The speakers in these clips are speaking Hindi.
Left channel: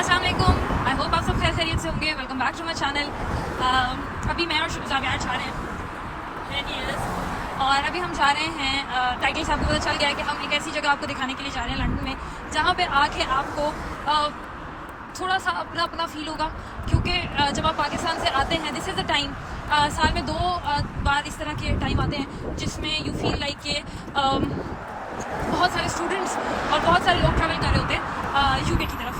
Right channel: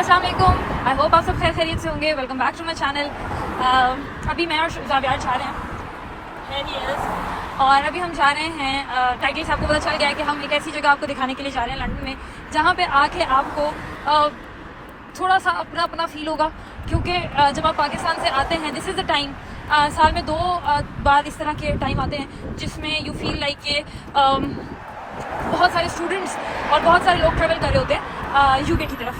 अस्सलाम वालेकुम, आई होप आप सब खैर खैरियत से होंगे। Welcome back to my channel. अभी मैं और जावियार जा रहे हैं और अभी हम जा रहे हैं टाइटल से आपको पता चल गया है कि हम एक ऐसी जगह आपको दिखाने के लिए जा रहे हैं लंदन में, जहाँ पे आके आपको थोड़ा सा अपना अपना फील होगा। क्योंकि जब आप पाकिस्तान से आते हैं, दिस इज़ द टाइम, साल में 2 बार इस तरह के टाइम आते हैं जिसमें यू फील लाइक कि बहुत सारे स्टूडेंट्स और बहुत सारे लोग ट्रैवल कर रहे होते हैं यूके की तरफ।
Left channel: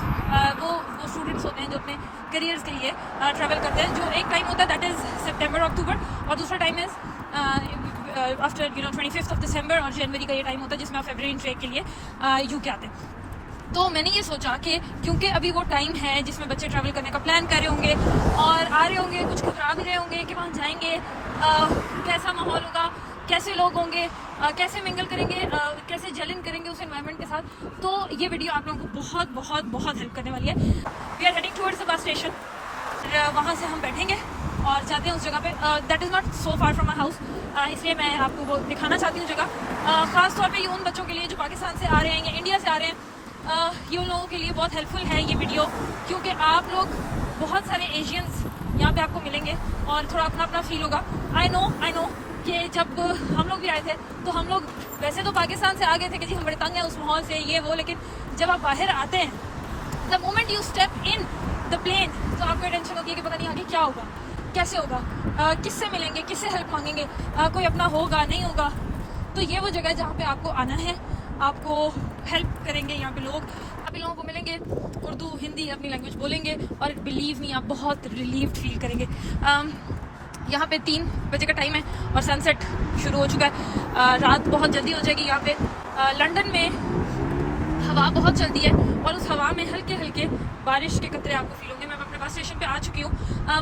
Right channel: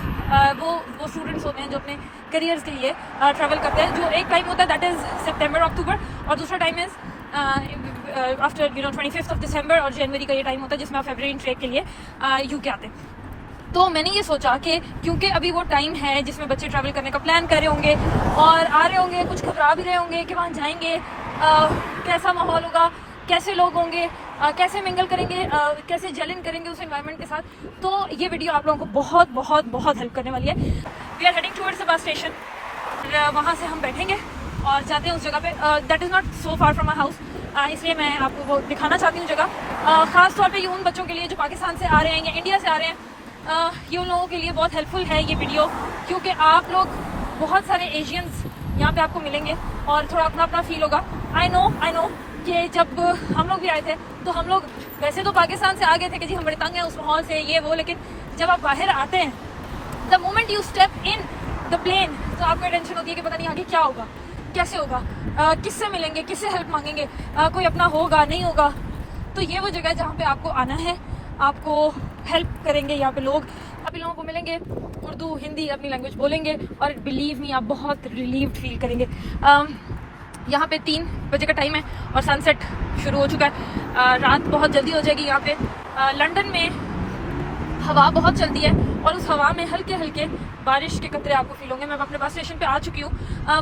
वो स्टूडेंट्स होते हैं जो अपने करियर्स के लिए ट्रैवल करते हैं। जो एक टाइम होता है दैट इज़ सितंबर अक्टूबर, और दूसरा टाइम इज़ आफ्टर 25 दिसंबर और जनवरी का ये टाइम होता है जिसमें आप फरवरी ट्रेक के लिए यूके आते हैं। तो मैंने ये सोचा कि क्योंकि अभी वो टाइम है जिसमें बच्चे ट्रैवल करने का प्लान कर रहे होंगे और आ रहे होंगे, कुछ घबरा भी रहे होंगे कि वहाँ जाएंगे कैसा माहौल होगा, कैसे लोग होंगे, कैसे मिंगल करेंगे, कैसे जलन करेंगे उस एनवायरनमेंट के साथ। तो ये वीडियो आप लोगों को बहुत बहुत बहुत हेल्प करने वाली है। We are heading towards the bus station. वहाँ से हम बैठेंगे और जाते हैं उस जगह पे। That is not so far from my house, इसलिए मैं आपको वो दिखाना चाहती हूँ जगह। ख़ास तौर पे ये उन बच्चों के लिए जो पाकिस्तान से आ रहे हैं या इंडिया से आ रहे हैं, ये उन लोगों के लिए बहुत हेल्पफुल है ये वीडियो, क्योंकि आप लोग बहुत सारे एशियंस यहाँ पे आपको मिलेंगे और थोड़ा अपना अपना फील होगा। आई नो कि जब हम लोग भी आए थे तो हम लोग वैसे तो पाकिस्तान से आ गए थे कि जी हम बड़े तंग हैं उस माहौल से, ये वो, लेकिन जब आप बाहर आते हैं, the moment you step in the plane, तो आपको टेंशन होती है कि पता नहीं आगे क्या होगा, कैसे होगा, किससे मिलेंगे, किससे हेल्प मांगेंगे, कोई अपना होगा नहीं होगा। तो ये वो जगह है जहाँ पे आपको आना है, आपको हेल्प करेंगे यहाँ पे लोग, आप इन लोगों को मिलेंगे, उर्दू हिंदी अपनी लैंग्वेज बोलेंगे और बिलीव मी आप बहुत रिलीव्ड फील करेंगे। यहाँ पे 3 बजे का टाइम है और सनसेट शुरू हो चुका है। रात बहुत जल्दी हो जाएगी यहाँ पे। लंदन में हवा बहुत चलती है और उस हवा में हल्के हल्के बारिश के कतरे आपको फील होंगे। मैं अपने बस स्टेशन पे आ चुकी हूँ।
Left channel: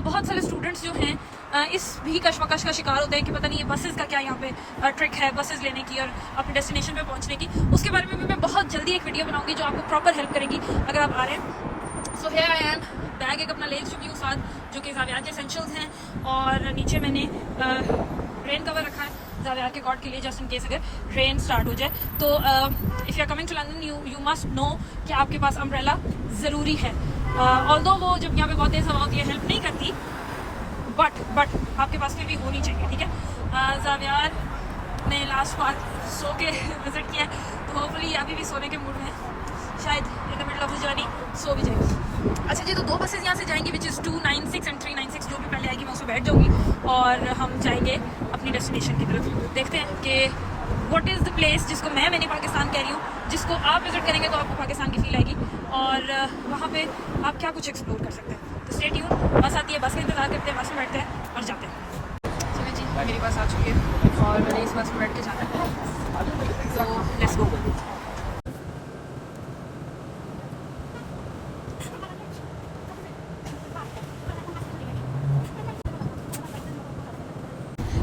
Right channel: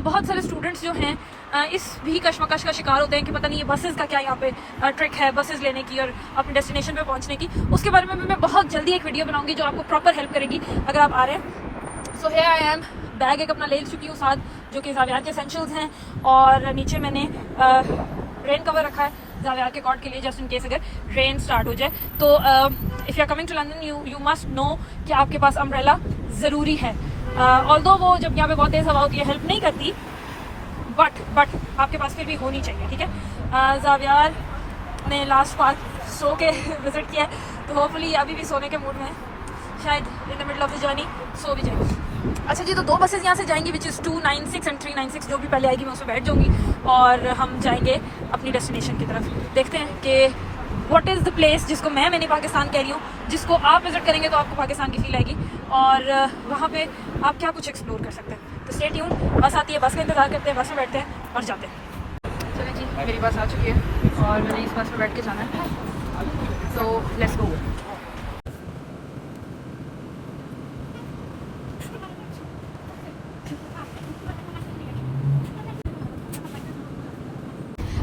बहुत सारे स्टूडेंट्स जो हैं इस भी कशमकश का शिकार होते हैं कि पता नहीं ये बसेस का क्या यहाँ पे ट्रिक है, बसेस लेने की और अपने डेस्टिनेशन पे पहुँचने की। उसके बारे में भी मैं बहुत जल्दी एक वीडियो बनाऊंगी जो आपको प्रॉपर हेल्प करेगी अगर आप आ रहे हैं। So here I am, bag एक अपना ले चुकी हूँ साथ, जो कि जावियार के एसेंशियल्स हैं, और नीचे मैंने रेन कवर रखा है जावियार के कॉट के लिए, जस्ट इन केस अगर रेन स्टार्ट हो जाए। तो if you are coming to London you must know कि आपके पास अम्ब्रेला ज़रूरी है। ऑल्दो वो जब यहाँ पे बहुत तेज़ हवा होती है हेल्प नहीं करती, बट आपके पास फिर भी होनी चाहिए, ठीक है। जावियार ने लास्ट पास सो के विजिट किया है, तो होपफुली अभी भी सोने के मूड में है, शायद in the middle of the journey so भी जाए। अच्छा जी, तो 2 बसेस यहाँ से जाएंगी विच इज़ 296 एंड 396। जो भी पहले आएगी मैं उसमें बैठ जाऊँगी और हम जाएंगे अपनी डेस्टिनेशन की तरफ। देखते हैं कि व्हाट इज़ द प्लेस जिसको मैंने पाकिस्तान कह रही हूँ, जिसको आप विजिट करेंगे तो आपको पाकिस्तान की फील आएगी और वहाँ पे आप क्या कुछ एक्सप्लोर कर सकते हैं। तो स्टे ट्यून, बस आती है, बस का इंतजार करते हैं, बस में बैठते हैं और जाते हैं। चलिए जी, मेरी बस आ चुकी है और मैंने इस बस में बैठ के जाना है, तो लेट्स गो।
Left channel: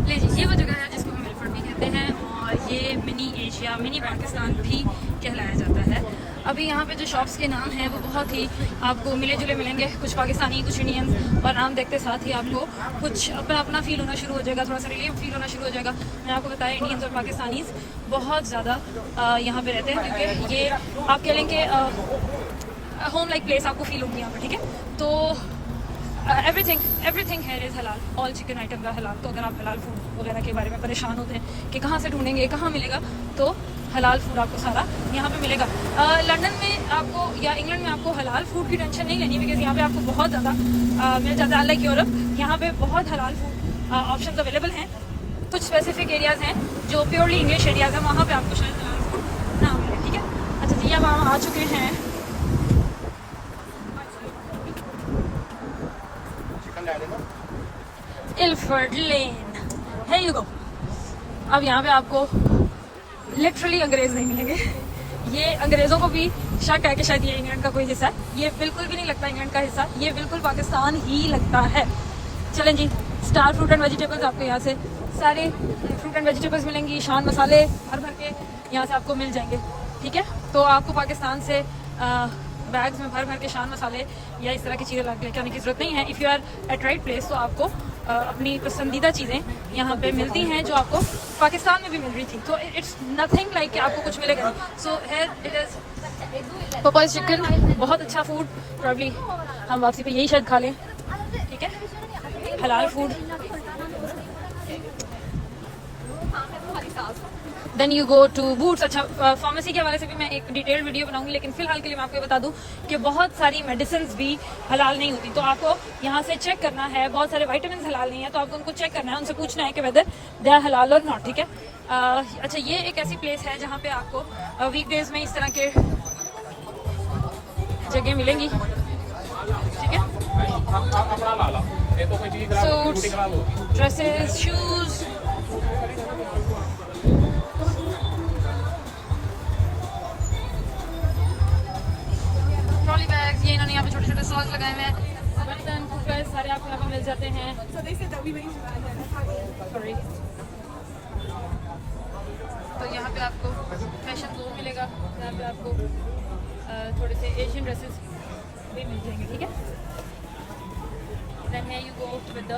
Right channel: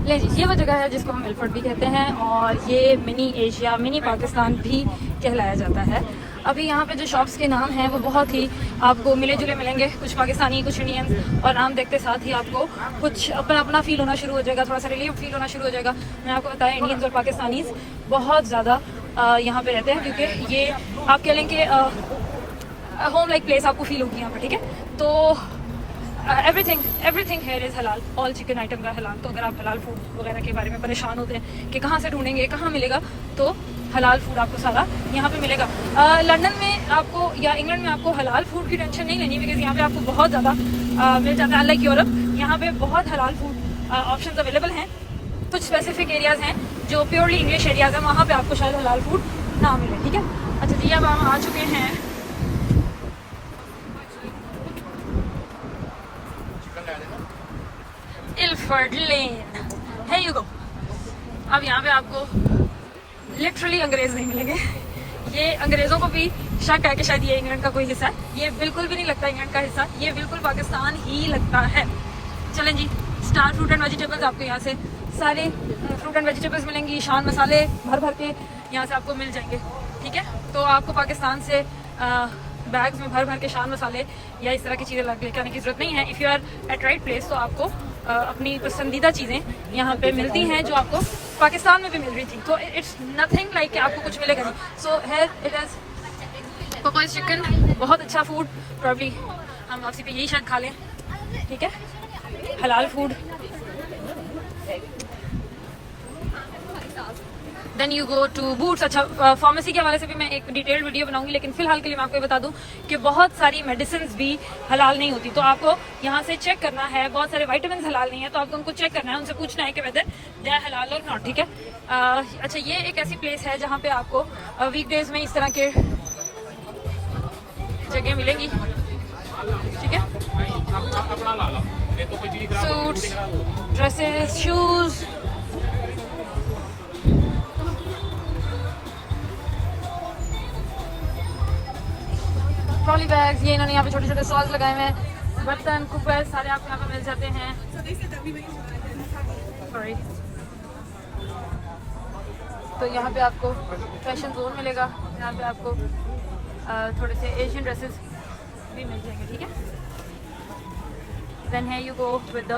ले जी, ये वो जगह है जिसको हम मिलफर्ड भी कहते हैं और ये मिनी एशिया, मिनी पाकिस्तान भी कहलाया जाता है। अभी यहाँ पे जो शॉप्स के नाम हैं वो बहुत ही आपको मिले जुले मिलेंगे, कुछ पाकिस्तानी कुछ इंडियंस, और नाम देखते साथ ही आपको कुछ अपना अपना फील होना शुरू हो जाएगा, थोड़ा सा रिलीफ फील होना शुरू हो जाएगा। मैं आपको बताया इंडियंस और पाकिस्तानीज बहुत ज़्यादा यहाँ पे रहते हैं, क्योंकि ये आप कह लें कि होम लाइक प्लेस आपको फील होगी यहाँ पर, ठीक है। तो एवरीथिंग हियर इज़ हलाल, ऑल चिकन आइटम है हलाल। तो अगर आप हलाल फूड वगैरह के बारे में परेशान होते हैं कि कहाँ से ढूंढेंगे, कहाँ मिलेगा, तो हलाल फूड आपको सारा यहाँ पे मिलेगा। लंदन में आपको या इंग्लैंड में आपको हलाल फूड की टेंशन नहीं लेनी, बिकॉज यहाँ पे आपको बहुत ज़्यादा मिल जाता है। लाइक यूरोप, यहाँ पे बहुत हलाल फूड ऑप्शन अवेलेबल हैं। कुछ स्पेसिफिक एरियाज़ हैं जो प्योरली इंग्लिश एरियाज़ हैं, वहाँ पर आपको शायद हलाल फूड ना मिले, ठीक है। अच्छा जी, अब हम आ चुके हैं इल्फर्ड लेन, है यू गो। अब यहाँ पे आपको लिटरली अंग्रेज नहीं मिलेंगे। ये अंग्रेजों को भी शक है कि शायद ये इंग्लैंड का कोई हिस्सा है। ये बिल्कुल भी नहीं लगता इंग्लैंड का हिस्सा, ये बिल्कुल पाकिस्तान ही लगता है। चलें जी, स्टार फ्रूट एंड वेजिटेबल्स आपको यहाँ से सारे फ्रूट एंड वेजिटेबल्स मिलेंगी, शान मसाले भर भर के यहाँ से आपको मिल जाएंगे, ठीक है। तो आपको पाकिस्तान से बैग्स में भर भर के शान मसाले या इस तरह की चीज़ें लेके आने की जरूरत नहीं है। If you are at right place तो आपको अपनी पसंदीदा चीज़ें यहाँ पे मिलती हैं जो आपको पाकिस्तान में भी मिल रही थी। तो इट्स नथिंग लाइक कि आपको कुछ मिलेगा। So here it is Popeyes chicken बहुत अच्छा फूड, प्रॉब्ली हम वापसी पे यही शायद खा लें, ठीक है, हलाल food. Then you go to Boots. अच्छा, फार्मेसी के हवाले से भी मैं एक डिटेल वीडियो बनाऊंगी, लेकिन फिलहाल के लिए मैं आपको ये बता दूं कि बहुत सारी मेडिसिन भी हलाल नहीं होती, तो आपको यहाँ से चेक करना है। बहुत सारे विटामिन हलाल नहीं है, तो आपको उनको चेक करना है, उनसे पूछना है कि वेदर दे आर हलाल और नॉट, ठीक है। अच्छा, ये एक ऐसी प्लेस है जहाँ पे आपको वीकडेज में इस तरह के जगह मिलेंगी, ठीक है। Suits, dresses, shoes, trolley bags, ये इन्होंने यहाँ पे छोटे छोटे स्टॉल्स लगाए हुए हैं। बर्तन, कुकवेयर सारे आपको यहाँ पे मिल जाते हैं। सॉरी, तो यहाँ पे आपको फैशन जोन मिलेगा, यहाँ पे आपको थोड़े से एशियन ड्रेसेस भी मिल जाएंगे, ठीक है। देन है you go with the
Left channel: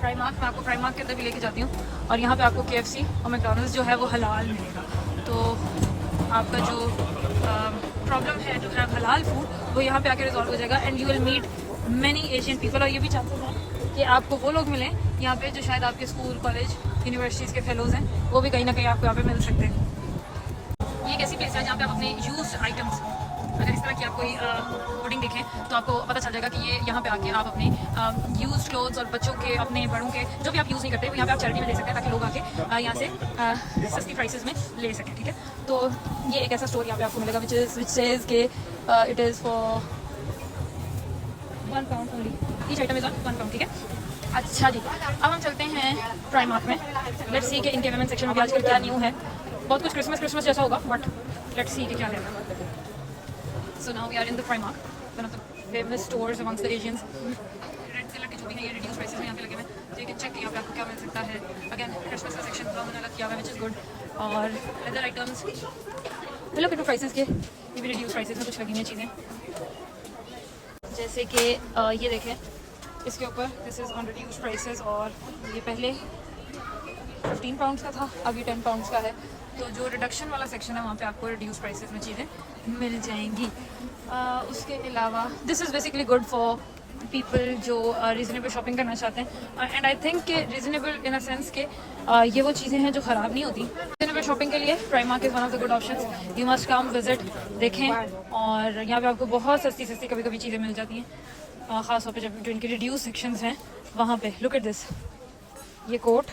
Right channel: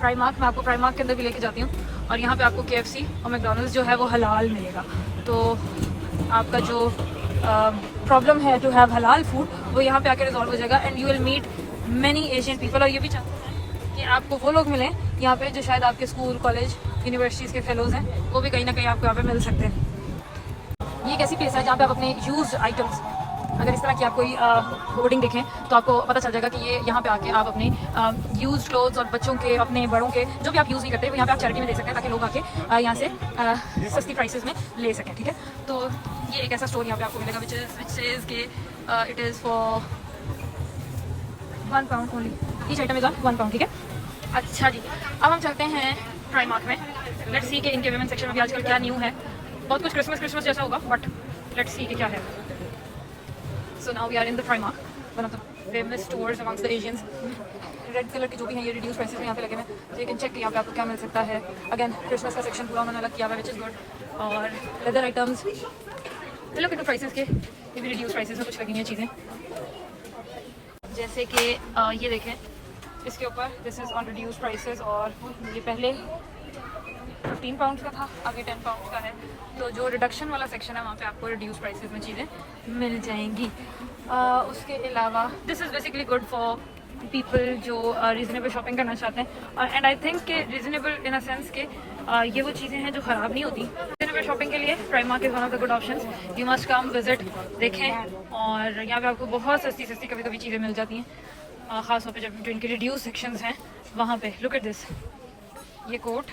Primark. मैं आपको प्राइमार्क के अंदर भी लेके जाती हूँ, और यहाँ पे आपको KFC और मैकडॉनल्ड्स जो है वो हलाल मिलेगा। तो आपका जो प्रॉब्लम है टू हैव हलाल फूड, वो यहाँ पे आके रिजॉल्व हो जाएगा, and you will meet many Asian people. और ये भी चाहते हैं कि आपको वो लोग मिलें यहाँ पे जो शायद आपके स्कूल, कॉलेज, यूनिवर्सिटीज़ के फेलोज हैं, वो भी कहीं ना कहीं आपको यहाँ पे मिल सकते हैं। ये एक ऐसी प्लेस है जहाँ पे आप अपने यूज्ड आइटम्स, अगर इस तरह की आप कोई होर्डिंग देखें तो आपको पता चल जाएगा कि ये यहाँ पे आके आप अपने यूज्ड क्लोथ्स और बच्चों के, अपने बड़ों के, जो भी आप यूज़ नहीं करते, यहाँ पे आप चैरिटी में दे सकते हैं, ताकि लोग आके यहाँ से सस्ती प्राइसेस में ले सकें, ठीक है। तो ये एक ऐसा स्टोर यहाँ पे आपको मिलेगा विच इज़ के it is for £1 each item is on £1, ठीक है। अच्छा जी, अब हम चलते हैं प्राइमार्क में। लेट्स सी कि इनके वुमेन सेक्शन में भी आजकल क्या न्यू है। बहुत कुछ क्रिसमस जैसा होगा, बट लेट्स सी कि क्या है। So now we are in the Primark, one of the famous stores amongst the Asians. Red colour के जो भी हैं ये रिड्यूस प्राइसेस में यहाँ पे लगे हुए हैं, तो यू कैन चेक यहाँ पे आपको क्या मिल सकता है। अगेन क्रिसमस का सेक्शन पूरा उन्होंने अलग किया हुआ है, विच इज़ गुड। और लेदर आइटम्स, हेलो कितने प्राइसेस के, ये भी रिड्यूस प्राइसेस में कुछ लगी हुई चीज़ें, जैसे कि ये देखें, इसके ऊपर this is on reduce prices, और ये पहले £15 का था, अभी £10 का है। तो जो रिडक्शन वाला सेक्शन है वहाँ पे आपको रिड्यूस प्राइसेस में चीज़ें मिल जाएंगी। उसके अलावा this is basically good for people जो रीज़नेबल शॉपिंग करना चाहते हैं, एंड आई थिंक कि रीज़नेबल इन अ सेंस के ये वो चीज़ें हैं जो ख़राब नहीं होती। रीज़नेबल शॉपिंग के लिए Primark is one of the good option. You must come visit, देखें, और यहाँ पे आपको बहुत सस्ती सस्ती कभी कभी चीज़ें मिल जाती हैं, ख़ास तौर पर जब जो इनके रिड्यूस सेक्शंस हैं वहाँ पे। लुक एट दिस, ये कोट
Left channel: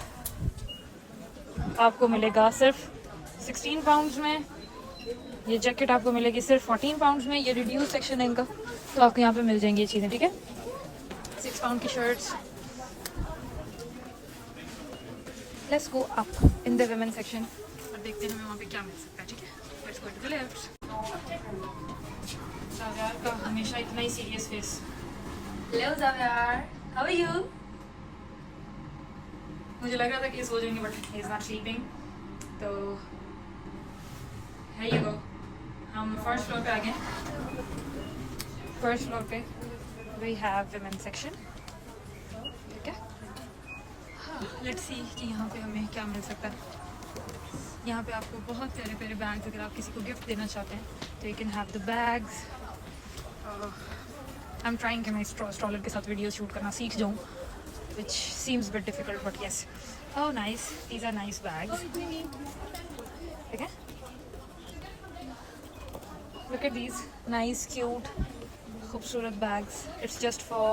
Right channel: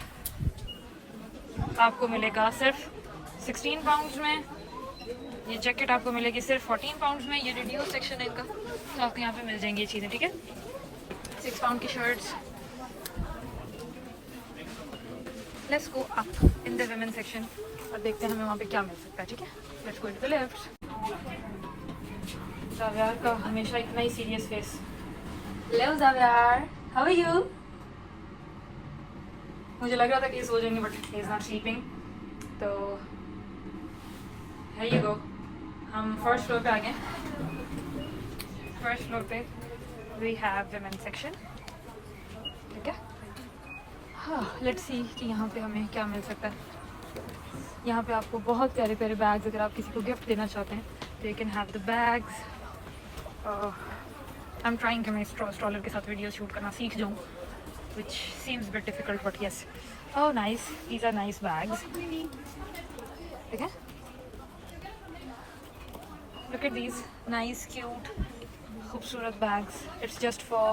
आपको मिलेगा सिर्फ £16 में, ये जैकेट आपको मिलेगी सिर्फ £14 में। ये रिड्यूस सेक्शन है इनका, तो आपको यहाँ पे मिल जाएंगी ये चीज़ें, ठीक है। £6 की shirts. Let's go up in the women section और देखते हैं हमें वहाँ पे क्या मिल सकता है, ठीक है। Let's go to the left. Xavier का हमेशा इतना ही serious face. Hello Xavier, how are you? मुझे लग रहा था कि सो जाएंगे, but he is not sleeping. तो है ये गो, हम फर्स्ट फ्लोर पे आ गए। फर्स्ट फ्लोर पे वी हैव वुमेन सेक्शन, ठीक है। हाँ, लेट्स सी कि यहाँ पे हमें क्या मिल सकता है। यहाँ पे आपको बहुत प्यारे प्यारे बैग्स, अगर आप किसी को गिफ्ट देना चाहते हैं तो you can have the bags. I am trying कि मैं स्ट्रॉलर के साथ वीडियो शूट करना सीख जाऊँ, which seems a bit difficult, but yes. Oh, nice. These are nice bags. Okay. Look at these nice, cute, खूबसूरत bags. It's just for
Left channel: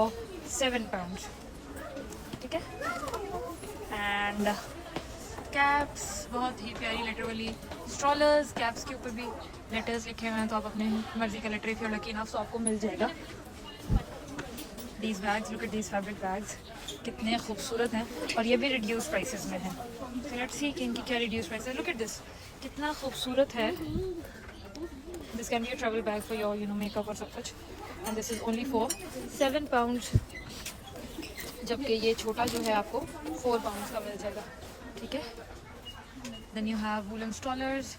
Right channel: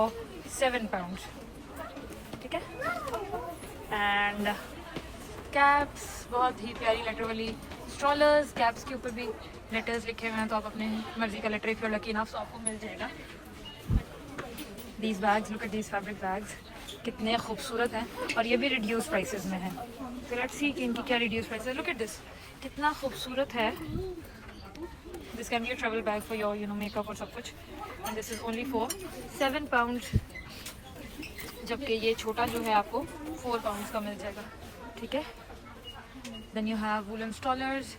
£7. ठीक है. And caps, बहुत ही प्यारी लेटर वाली strollers. Caps के ऊपर भी letters लिखे हुए हैं, तो आप अपने मर्जी का letter, if you're lucky enough, तो आपको मिल जाएगा। These bags, look at these fabric bags, कितने खूबसूरत हैं, और ये भी रिड्यूस प्राइसेस में है। तो लेट्स सी कि इनकी क्या रिड्यूस प्राइस है। लुक एट दिस, कितना खूबसूरत है। This can be a travel bag for your makeup और सब कुछ, and this is only for £7, जबकि ये छोटा जो है आपको £4 का मिल जाएगा, ठीक है। देन यू हैव वूलन स्टॉलर्स,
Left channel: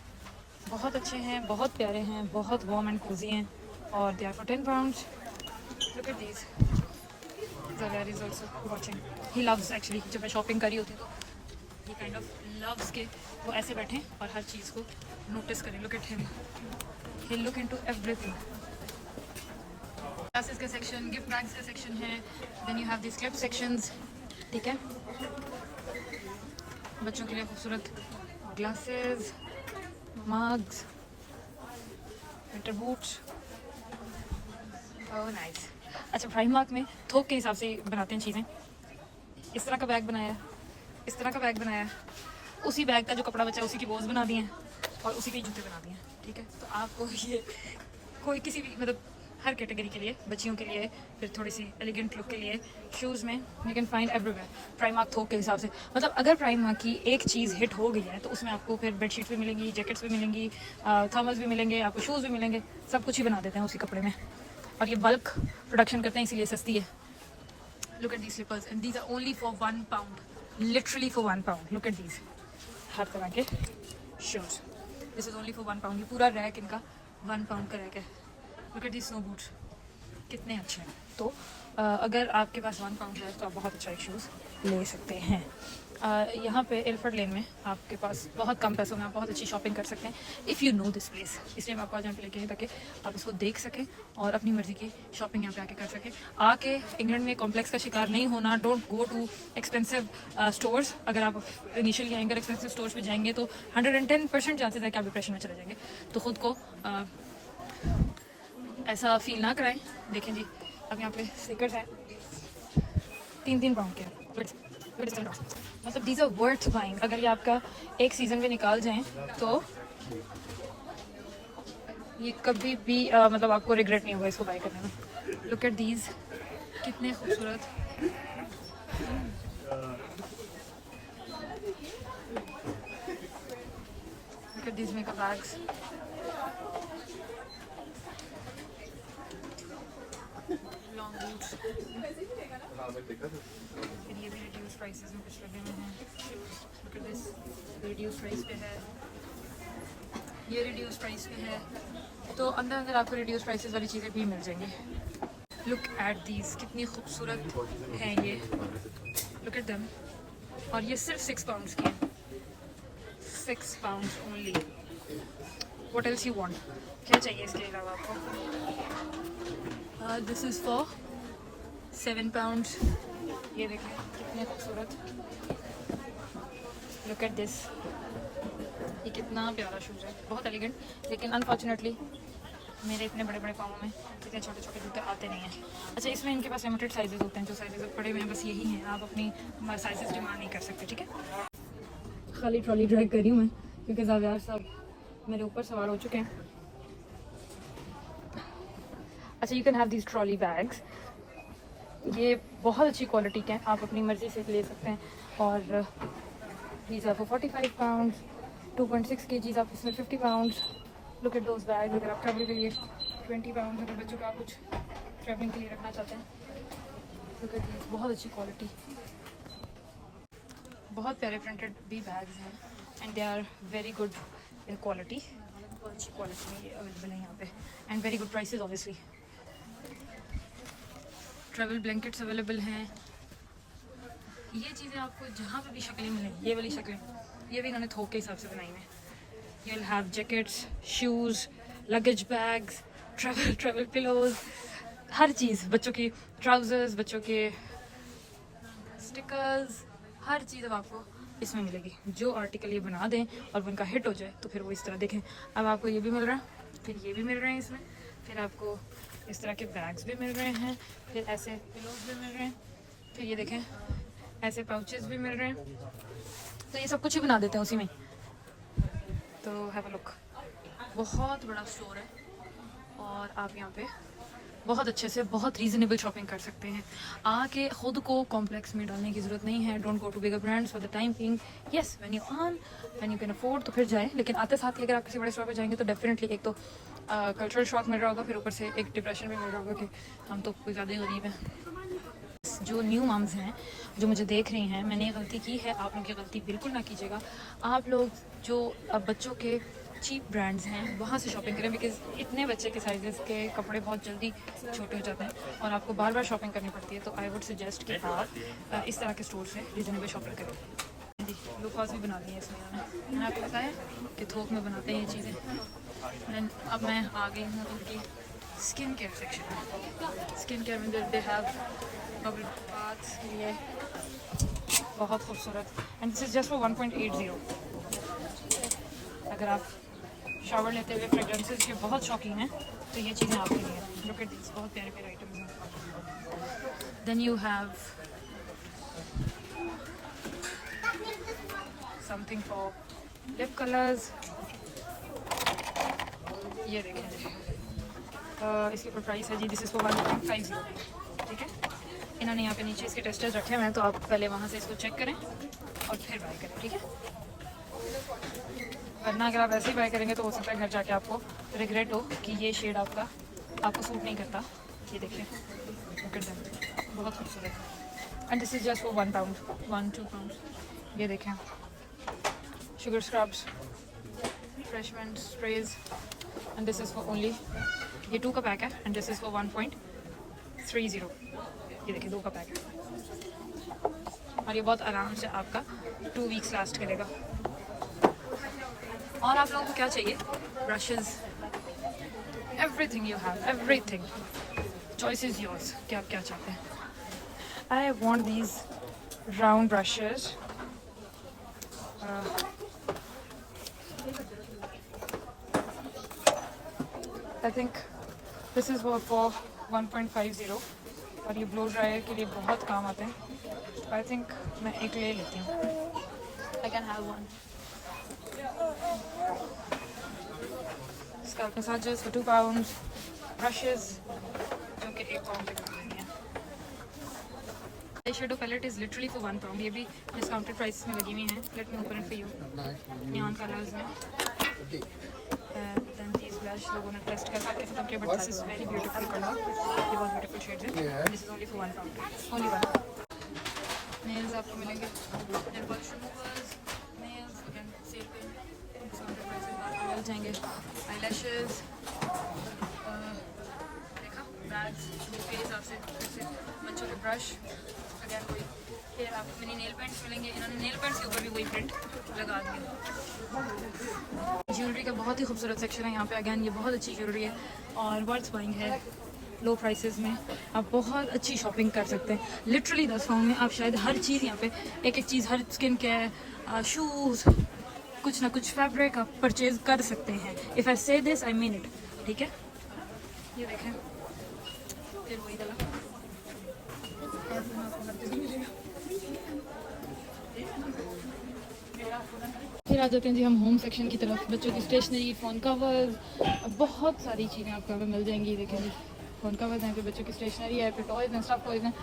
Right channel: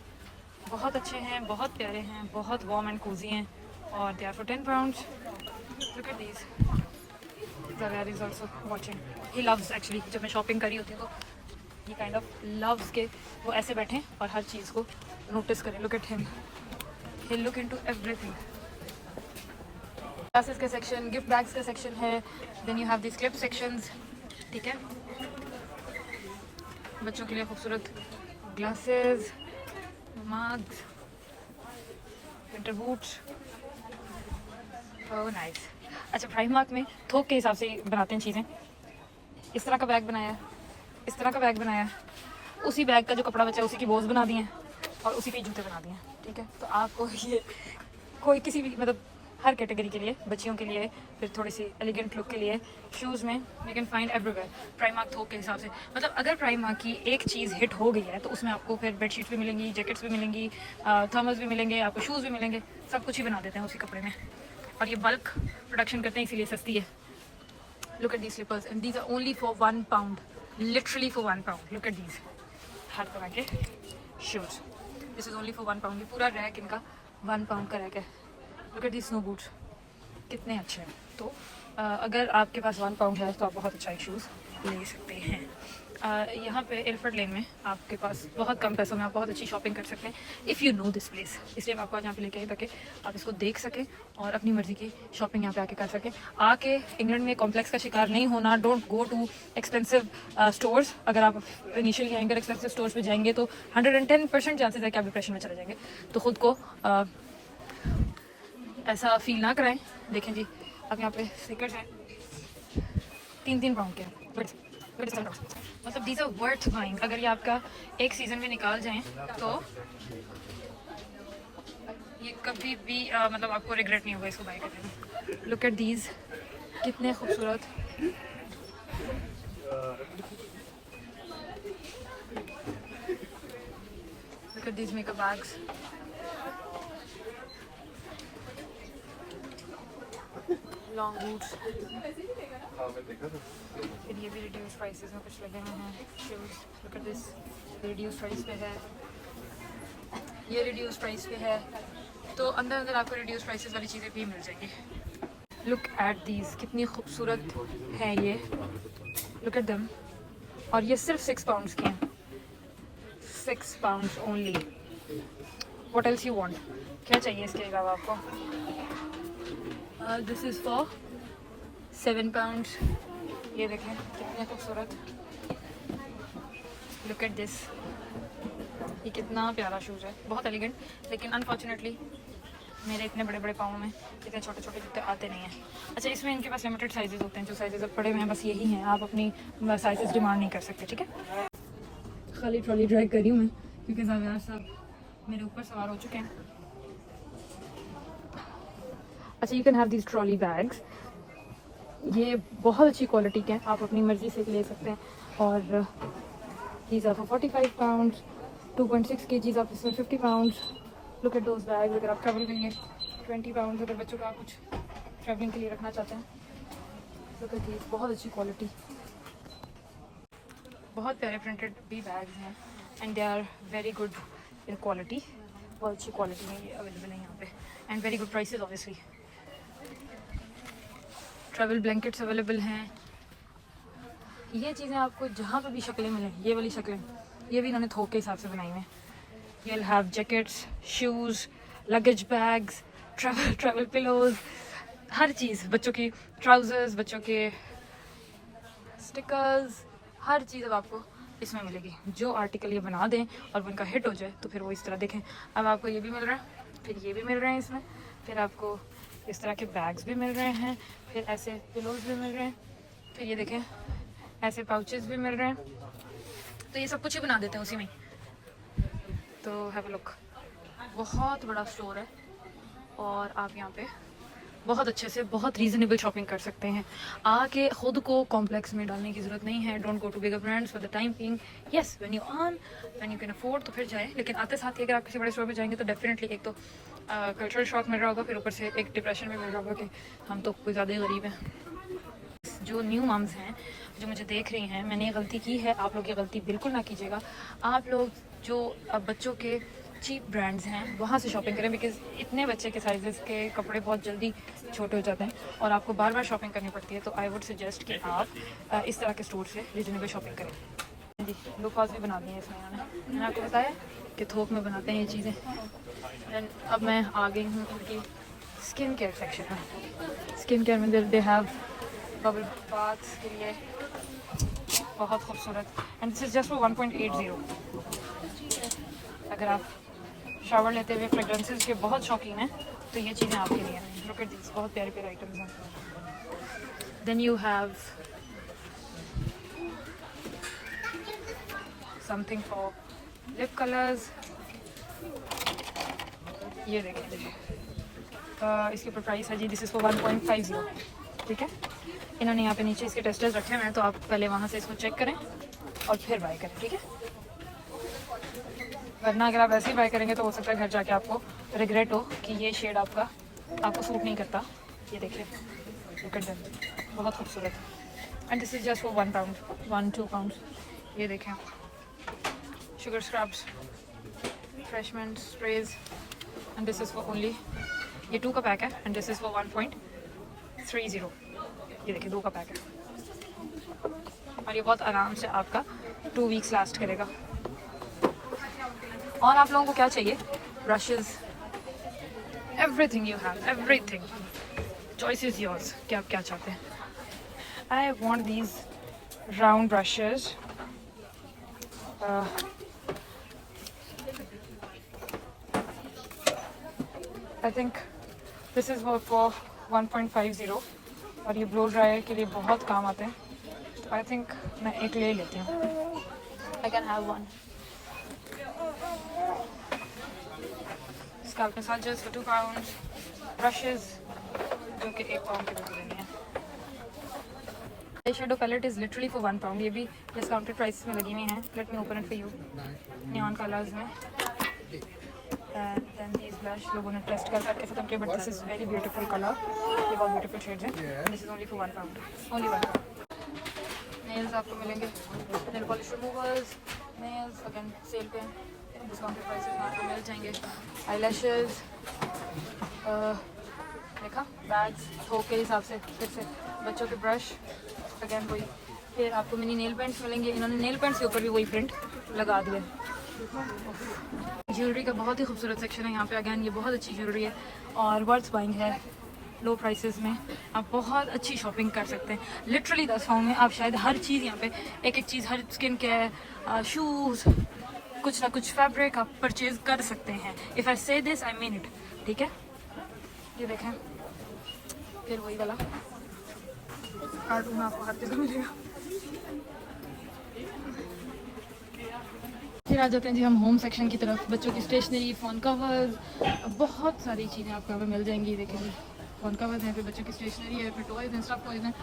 बहुत अच्छे हैं, बहुत प्यारे हैं, बहुत वार्म एंड कोजी हैं, और they are for £10। Look at these, Zaviar is also watching. He loves actually, जब मैं शॉपिंग करी होती हूँ तो he kind of loves के वो ऐसे बैठें और हर चीज़ को नोटिस करें। Look at him, he'll look into everything. Glasses का सेक्शन, गिफ्ट बैग्स का सेक्शन है, then you have this clip sections, ठीक है। बच्चों के लिए खूबसूरत glasses, mugs, winter boots, oh nice. अच्छा, प्राइमार्क में थोक के हिसाब से बनाते हैं चीज़ें। इस तरह का बैग बनाया, इस तरह का बैग बनाया, उसी बैग का जो कपड़ा बचा उसी की बोझ बना दिए हैं और उसी के जूते बना दिए हैं, ठीक है। तो आपको ये कोई किसी भी मतलब हर कैटेगरी के लिए, बच्चियों के लिए, फिर थोड़ी सी एलिगेंट लुक के लिए, शूज़ में you can find everywhere Primark थोक के हिसाब से। मतलब अगर प्राइमार्क की एक चीज़ हिट हो गई है तो उसमें आपको फिर बेडशीट्स भी मिलेंगी, जैकेट्स भी मिलेंगी, थर्मल्स भी मिलेंगे, आपको शूज़ भी मिलेंगे, सब कुछ ही बना देते हैं उसी कपड़े में। और ये बल्क प्रोडक्शन करते हैं इसीलिए सस्ती है। Look at these slippers and these are only for £1, literally for £1. Look at these, हर तरह के shoes. This is only for £1. ये पूरा रैक इनका £1 का रैक है। Look at these snow boots, कितने अच्छे हैं। तो अगर आपके पास £1 है तो आप बहुत अच्छा शूज़ ले सकते हैं। यहाँ पे एल्फर्ड लेन में आपके पास बहुत कम पैसों में आप बहुत अच्छी शॉपिंग कर सकते हैं if you know this place. इसलिए मैं आपको आज यहाँ पे लेके आई ताकि आप इसको देख सकें और अपनी मर्जी की शॉपिंग यहाँ पे आके कर सकें। आके इंग्लैंड में कॉम्प्लेक्स का शिकार नहीं होना। Don't go too expensive stores. अगर आप इनिशियली आएंगे एक्सपेंसिव स्टोर्स पे जाएंगे तो 110% चांसेस है कि आप डिप्रेशन में चले जाएंगे। तो खुद को ऐसा फील ना कराएं। देखें जी, अब यहाँ पे स्नीकर्स हैं 3-3 पाउंड के हैं। मतलब दीज आर वर्थ बाइंग। अगर ये आपका एक सीजन में निकाल जाएं तो ये कभी भी मतलब आपको रिग्रेट नहीं होगा इसको बाय करने में। लुक एट दीज, कितने खूबसूरत। Look at these makeup bags, long boots. फिर ये भी रिड्यूस प्राइसेस में कुछ लगे हुए हैं shoes. Look at this, reduce price पे है, ये रिड्यूस प्राइस पे है। तो अंदर अंदर आपको रिड्यूस प्राइसेस वाली चीज़ें भी मिल जाएंगी। लुक एट दीज, कितनी खूबसूरत हैं ये। लुक एट दम। और ये सिर्फ £6 की हैं, £6 only. What else you want? क्या चाहिए इसके अलावा आपको? This is for £7। ये देखें कितने खूबसूरत। लुक एट दिस, ये कितना प्यारा शूज़ है, बहुत एलिगेंट। लेकिन अनफॉर्चुनेटली मेरे इतने बड़े बड़े पाँव में इतने छोटे छोटे जूते आते नहीं हैं। अच्छा, इसमें इनके पास लिमिटेड साइजेस होते हैं, जो साइजेस पड़े हुए हैं बस यही हैं। आप अपनी साइजेस डिमांड नहीं कर सकते, ठीक है। खाली ट्रॉली ड्राइव कर रही हूँ मैं क्योंकि ज़ावियार साहब मेरे ऊपर सवार हो चुके हैं। अच्छा, you can have these trolley bags. ये बहुत अच्छी क्वालिटी के हैं, आप अपनी मर्ज़ी से ले सकते हैं। और these are for £45, 2.6 kgs आप इसमें £50। Look at those bag. अगर आप ट्रैवल के लिए £20, अगर बच्चों का कुछ ट्रैवलिंग के लिए रखना चाहते हैं, लुक एट दिस, बहुत अच्छी क्वालिटी, बहुत प्यारे प्रिंटेड भी बैग्स हैं and they are very good in quality. बहुत अच्छी क्वालिटी में ये अवेलेबल है यहाँ पे and very good prices obviously. Travel blankets available हैं। ये चीज़ें आपको जहाँ पे भी शक्लें मिलें, ये वाली शक्लें, ये भी इन्होंने थोक के हिसाब से बनाई हैं। You'll have jackets, shoes, luggage bags, travel pillows, हर चीज़, बच्चों की ट्राउजर्स, बच्चों के स्टिकर्स, हर चीज़ अब आपको इसमें मिलेगी। जो आर्टिकल ये बना दें और वो इनका हिट हो जाए तो फिर वो इस तरह देखें। अब आपको ये भी मिल रहा है, फिर ये भी मिल रहे हैं इसमें, फिर आपको इस तरह के बैग्स भी मिल रहे हैं, फिर ऐसे पिलोज भी मिल रहे हैं, फिर ये देखें ऐसे पाउचेस भी मिल रहे हैं। तो ये सब कुछ ही बना देते हैं उसी में। तो हैव अ लुक, बहुत बड़ा स्टोर है और आप यहाँ पे बहुत अच्छे से बहुत रीज़नेबल शॉपिंग कर सकते हैं। आके खुद को कॉम्प्लेक्स में डालने की ज़रूरत नहीं है। Don't go to bigger brands for the time being. Yes, when you earn, when you can afford तो फिर जाएं, लेकिन आते साथ ही अगर आप किसी बड़े स्टोर पे जाएंगे तो डेफिनेटली एक तो कल्चरल शॉक मिल रहा होगा, फिर ऊपर से एक डिप्रेशन में मिल रहा होगा कि हम तो कोई ज़्यादा गरीब हैं। जो न्यू मम्स हैं जो मुझे देख रही हैं, मैंने गलती की है, आप लोग ये गलती बिल्कुल ना कीजिएगा। आप लोग जो बच्चों के चीप ब्रांड्स हैं वहाँ से शॉपिंग करें, बिकॉज इतने बच्चे के साइजेस के कपड़े बहुत जल्दी छोटे हो जाते हैं और आपको बार बार शॉपिंग करनी पड़ती है। तो आई वुड सजेस्ट कि आप इस तरह के स्टोर से रीजनेबल शॉपिंग करें। जी, लो कॉस्ट भी बना दी है इसमें मैंने आपको बताया कि थोक में बनाते हैं ये चीज़ें। अब मैं आ गई हूँ इनकी स्किन केयर सेक्शन है। स्किन केयर में दे हैव बबल बाथ के लिए बहुत खूबसूरत, and this is just for 1.80। अगर आप शावर लेते हुए फ्रेग्रेंसेस के बहुत शौकीन हैं तो ये चीज़ें आपके लिए हैं। लुक एट दिस, बहुत प्यारे प्यारे आइटम्स हैं। Then you have something for lip colours. ये देखें जी, इसके ऊपर प्राइस है जी, दिस इज फॉर 1.50। ठीक है, इन्होंने यहाँ पे नीचे इसके टेस्टर्स रखे हुए हैं, तो आप पहले वहाँ से इसको चेक करें और फिर बाय करें। ठीक है, वरना अगर आप ऐसे ही बाय करेंगे तो हो सकता है घर जाके आपको रिग्रेट हो कि ये शेड आपको सूट नहीं करता। ये देखिए, बहुत खूबसूरत, and this is just for 1 pound, 1-2 pound. ये देखें, sugar scrubs, फ्रेशमेंट sprays, and this is for only, ये 2 का पैक है, एंड दिस इज फॉर 1.30। ये देखिए, 2 का पैक है, और ये बहुत आराम से आपका 2 वीक्स लास्ट करेगा। और आप लोगों को क्या चाहिए? Brushes, everything you have, everything, choice is yours कि आप क्या चाहते हैं। I want these round brushes, I think this is for 1.50, और ये ब्लो ड्रायर के लिए बहुत काम आते हैं, तो आई थिंक मैं एक ले लेती हूँ। I can have one. Scalp massagers for 2 pound, brushes जो कि 1 पाउंड के भी लेने हैं। Eye shadow palette is literally for 1 pound, ये भी डिस्काउंटेड प्राइस में लगी हुई हैं। Let me open it for you, neon colours में। देन दीज ब्लश लोगों ने टेस्ट करके खत्म किया, but this is very beautiful colour, ये बहुत ब्यूटीफुल शेड्स हैं। This is only for 1 pound, only 1 pound. Nails आपको मिलेंगे, nail polish removers, nails again sale पे डिस्काउंटेड प्राइसेस में आपको मिल जाएंगे। आईलैशेस, देखा, बैग्स, थोक के हिसाब से, फिर से बच्चों के ब्रश, अगेन वही। फिर आपको मिनी नेल पेंट्स मिलेंगे, इन्होंने नेल पेंट्स के ऊपर भी वही प्रिंट लगा दिए। ज्वेलरी का बहुत ही खूबसूरत सेक्शन है यहाँ पे, अगेन ये बहुत अच्छी ज्वेलरी है और वर्थ बाइंग है। लो प्राइसेस में आप बहुत अच्छी शॉपिंग कर सकते हैं। लिटरली 10 पाउंड में आप शायद हर चीज़ यहाँ पे, एक एक चीज़, हर स्किन केयर, शूज़, कुछ ना कुछ फैब्रिक आप परचेज कर सकते हैं। इफ़ आई से दिस आई मीन इट। ठीक है, ये देखें, फिर वही वाला कार्टून आपको हर जगह मिलेगा। फिर आ जाते हैं जी हम होम सेक्शन की तरफ। बच्चों की स्टेशनरी, फ़ोन कवर्स, बहुत सारी चीज़ें आपको यहाँ पर मिल जाएंगी। देखिए जी, फ़ोन कवर्स हैं, फिर बच्चों की स्टेशनरी है, फिर टॉयज़ एंड स्टफ टॉयज़ हैं,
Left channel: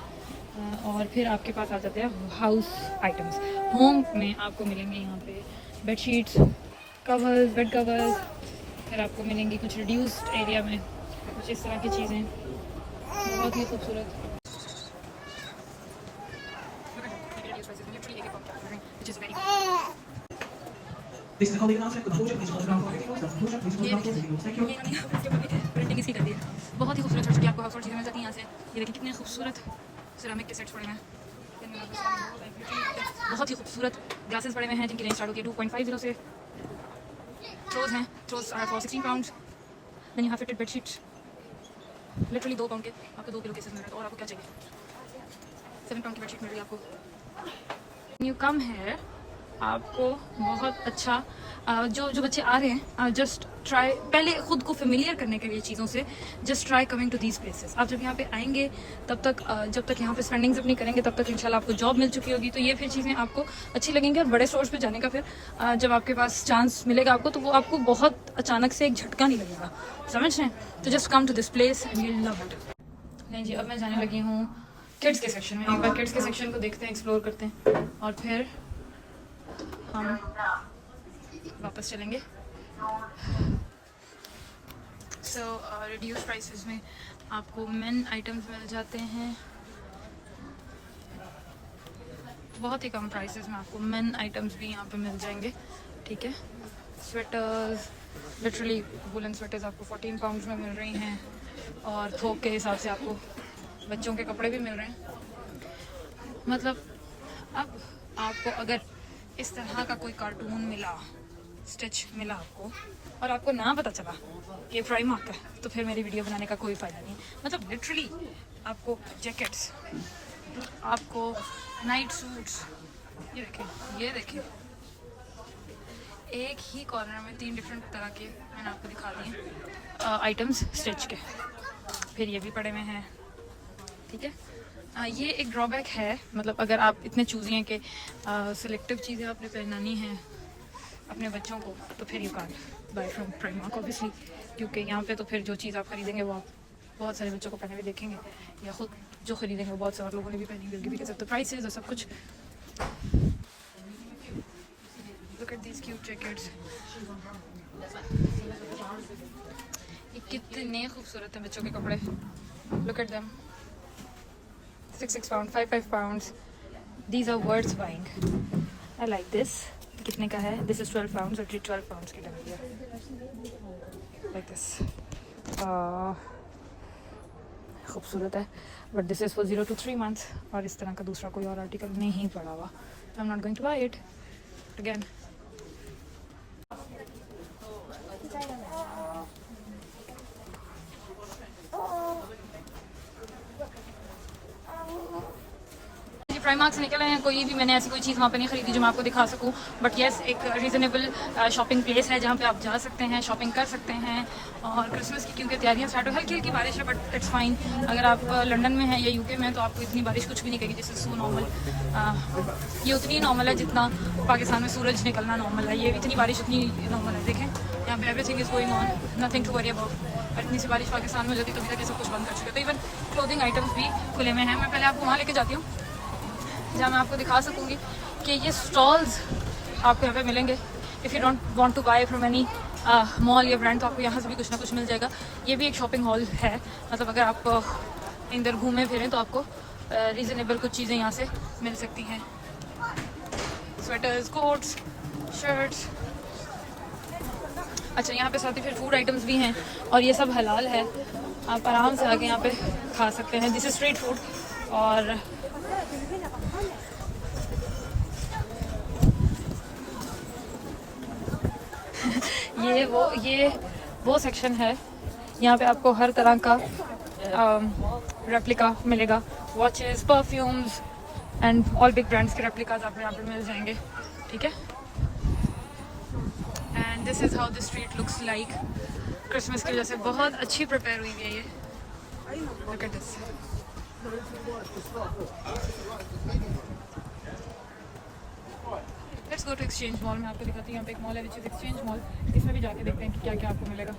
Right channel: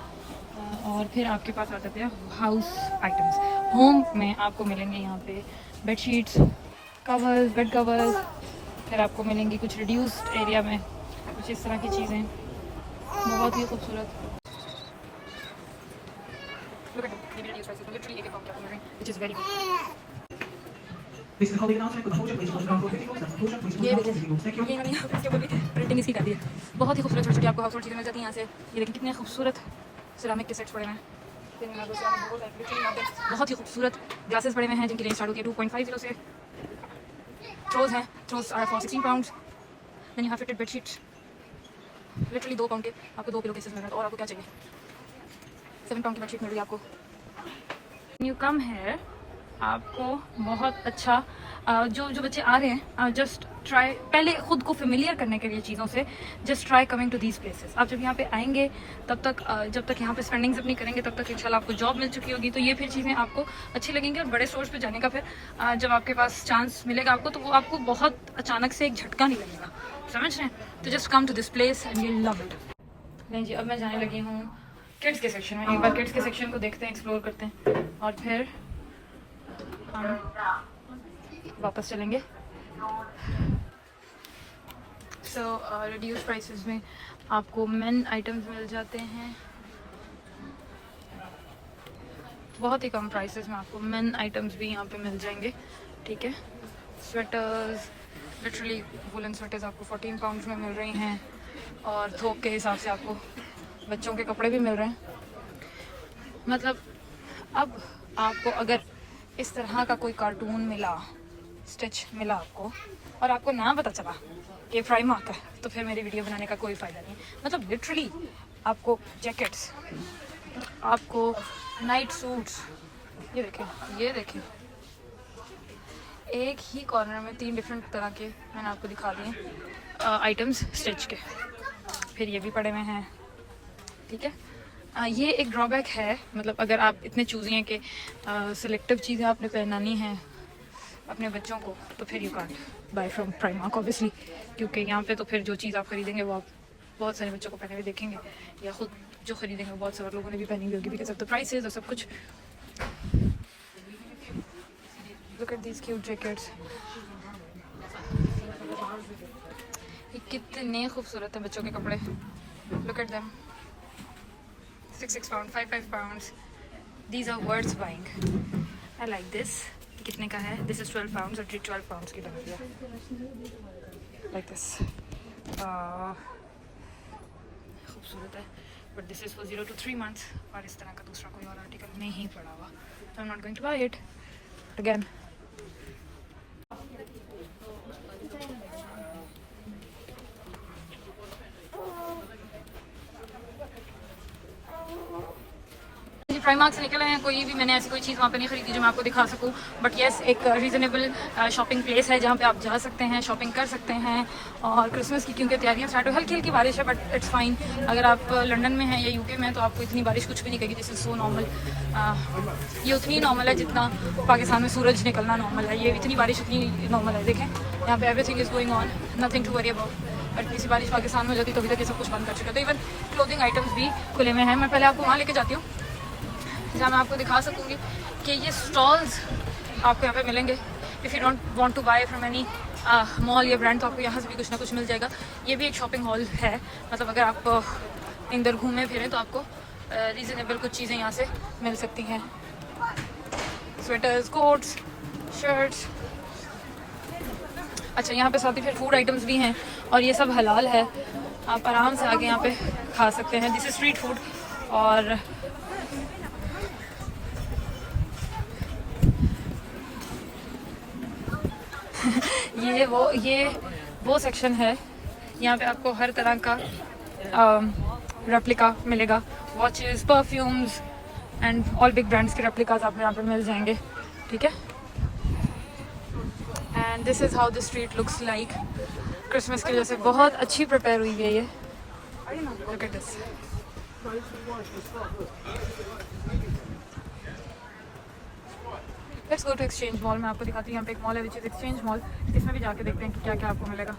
और फिर आपके पास आ जाते हैं हाउस आइटम्स। होम में आपको मिलेंगे यहाँ पे बेडशीट्स, कवर्स, बेड कवर्स, फिर आपको मिलेंगी कुछ रिड्यूस एरिया में कुछ इस तरह की चीज़ें, बहुत ही खूबसूरत। प्रिंटिंग इसकी कर दी है, बहुत ही खूबसूरत छोटी आपको हाउस चीज़ें मिल जाती हैं यहाँ से। ये देखिए कितने खूबसूरत सिरामिक के सेट्स पड़े हैं, बहुत ही खूबसूरत ग्लासेस पड़े हुए हैं जिनकी रेंज स्टार्ट होती है 2.50 से। थ्रोज हैं, throws are for 16 pound. Then you have fitted bedsheets, literally 2 pound के आपको 2 पिलो केसेस मिल रहे हैं। और आपको क्या चाहिए? 7 पाउंड की बेडशीट मिल रही है आपको। यू कम है, आपको बहुत अच्छा जो बच्चे आ रहे हैं, जस्ट ट्राई, पहले खुद को फेमिलियर करने के लिए चीज़ों से, just try coming to these places. आप जब यहाँ पे आएंगे तब तक, जब तक यहाँ पे स्पेंडिंग्स अपनी करेंगे तब तक इंशाल्लाह आपको जॉब मिल चुकी होगी, तो ये फिर चीज़ें आपको अच्छी लगेंगी। और बड़े स्टोर्स पे जाने का फिर जब आपके पास चांस मिलेगा आपको, तो वो आपको बहुत अचानक से एक झटका नहीं लगेगा, समझ रहे हैं? तो just come to this place and you love it. नहीं जी, अब मैं जाने लगी हूँ किड्स के सेक्शन में। एक बार किड्स के सेक्शन को देखते हैं, एक्सप्लोर करते हैं, और फिर हम वापस चलेंगे। सो रिड्यूस प्राइसेस में आपको मेन आइटम्स मिल जाते हैं, बहुत ही कम प्राइसेस में आपको मेन आइटम्स भी यहाँ पे मिल जाएंगे। ठीक है, स्वेटर्स, लिटरली वुलन स्वेटर्स आपको 14 पाउंड में मिल रही हैं, और थोक के हिसाब से आपको बच्चों के कपड़े भी मिल रहे हैं। मतलब अब आपको अगर इस तरह का कोई कार्टून मिला, स्टिच मिला आपको, और आपको ना पता चला ये प्राइमार्क है, तो फिर मेरी वीडियो बनाने का कोई फ़ायदा नहीं। मतलब लिटरली आपको जैकेट्स, आपको नाइट सूट्स, ये देखें एक ही कॉर्नर में 3 डिफरेंट तरह के मैंने आपको दिखा दिए आइटम्स स्टिच के। फिर ये भी पड़े हुए हैं, ठीक है। ये एक ड्रॉबैक है, मतलब अगर आप इतने चूज़ी हैं कि सिलेक्टिव चीज़ें आपने पहनानी हैं अपने बच्चों को, तो फिर you can't buy from Primark obviously, क्योंकि यहाँ पे तो फिर जो चीज़ आप खरीदेंगे वो आप बहुत सारे बच्चों को पहने हुए देखेंगे, या खुद जो खरीदेंगे वो बहुत सारे लोगों ने भी पहनी होगी, बिकॉज़ ऑफ द प्राइसेस और सब कुछ। Look at these cute jackets, ये कितने खूबसूरत हैं बच्चों के कपड़े। Look at them, 6 pounds, 5 pounds. These are worth buying. I like this. कितने का है? This is 12 pounds और 12 pounds की लग रही है। Like this. खूबसूरत है, but this is for 0 to 3 months और इस तरह का दूसरा कोई और आर्टिकल नहीं पड़ा हुआ, so I'm not going to buy it. But again, Primark से निकले हैं, कोई भी मैंने ऐसी कोई चीज़ वहाँ पे नहीं खरीदी जो मैं आपको दिखा सकूँ, बट येस एक रीज़नेबल शॉपिंग प्लेस है जहाँ पे आप जा सकते हैं, शॉपिंग कर सकते हैं। और क्रिसमस की क्योंकि तैयारियाँ स्टार्ट हो, हल्की हल्की बारिश है बट इट्स फाइन। अगर आप लंदन में हैं या यूके में हैं तो आपको इतनी बारिश कुछ भी नहीं करेगी, दिस इज सो नॉर्मल। ये उतनी नॉर्मल है जितना पाकिस्तान में सूरज निकलना नॉर्मल है, ये इतनी बारिश इतनी नॉर्मल है। देखें यहाँ पे everything is going on, nothing to worry about. इतनी सी बारिश पाकिस्तान में हो जाती तो अभी तक ये सब कुछ बंद कर चुके थे। इवन क्लोथिंग आइटम्स भी खुले में हैं। मैं पहले आपको वहाँ लेके जाती हूँ जहाँ मैं आपको दिखा सकूँगी कि ये स्टॉल्स आपको यहाँ पे मिलेंगे। If you don't want to buy from any mall या ब्रांड तो आपको यहाँ से भी कुछ ना कुछ मिल जाएगा। ये भी एक शॉपिंग हॉल है, मतलब अगर आप इधर घूमें फिरें तो आपको रीज़नेबल कुछ चीज़ें यहाँ से मिल सकती हैं, स्वेटर्स, कोट्स, शर्ट्स। अच्छा यहाँ पे साथ ही फिर फूड आइटम्स भी हैं और ये सब हलाल है, आप आराम से आके यहाँ पे खा सकते हैं। This is street food. और ये वो सेक्शन है, यहाँ पे आपको हर तरह का रेप्लिका मिलेगा, watches, perfumes and all big brands के रेप्लिकास आपको यहाँ पे मिल जाएंगे, ठीक है। And this is how the street looks like. Christmas की वजह से बहुत अच्छी प्रिपेयर हुई है ये। Look at this. Let's go to Exchange mall. मैं आपको दिखाती हूँ, यहाँ पे एक मॉल है विच इज एक्सचेंज मॉल। इसमें भी जाके देखते हैं कि क्या क्या आपको मिलेगा।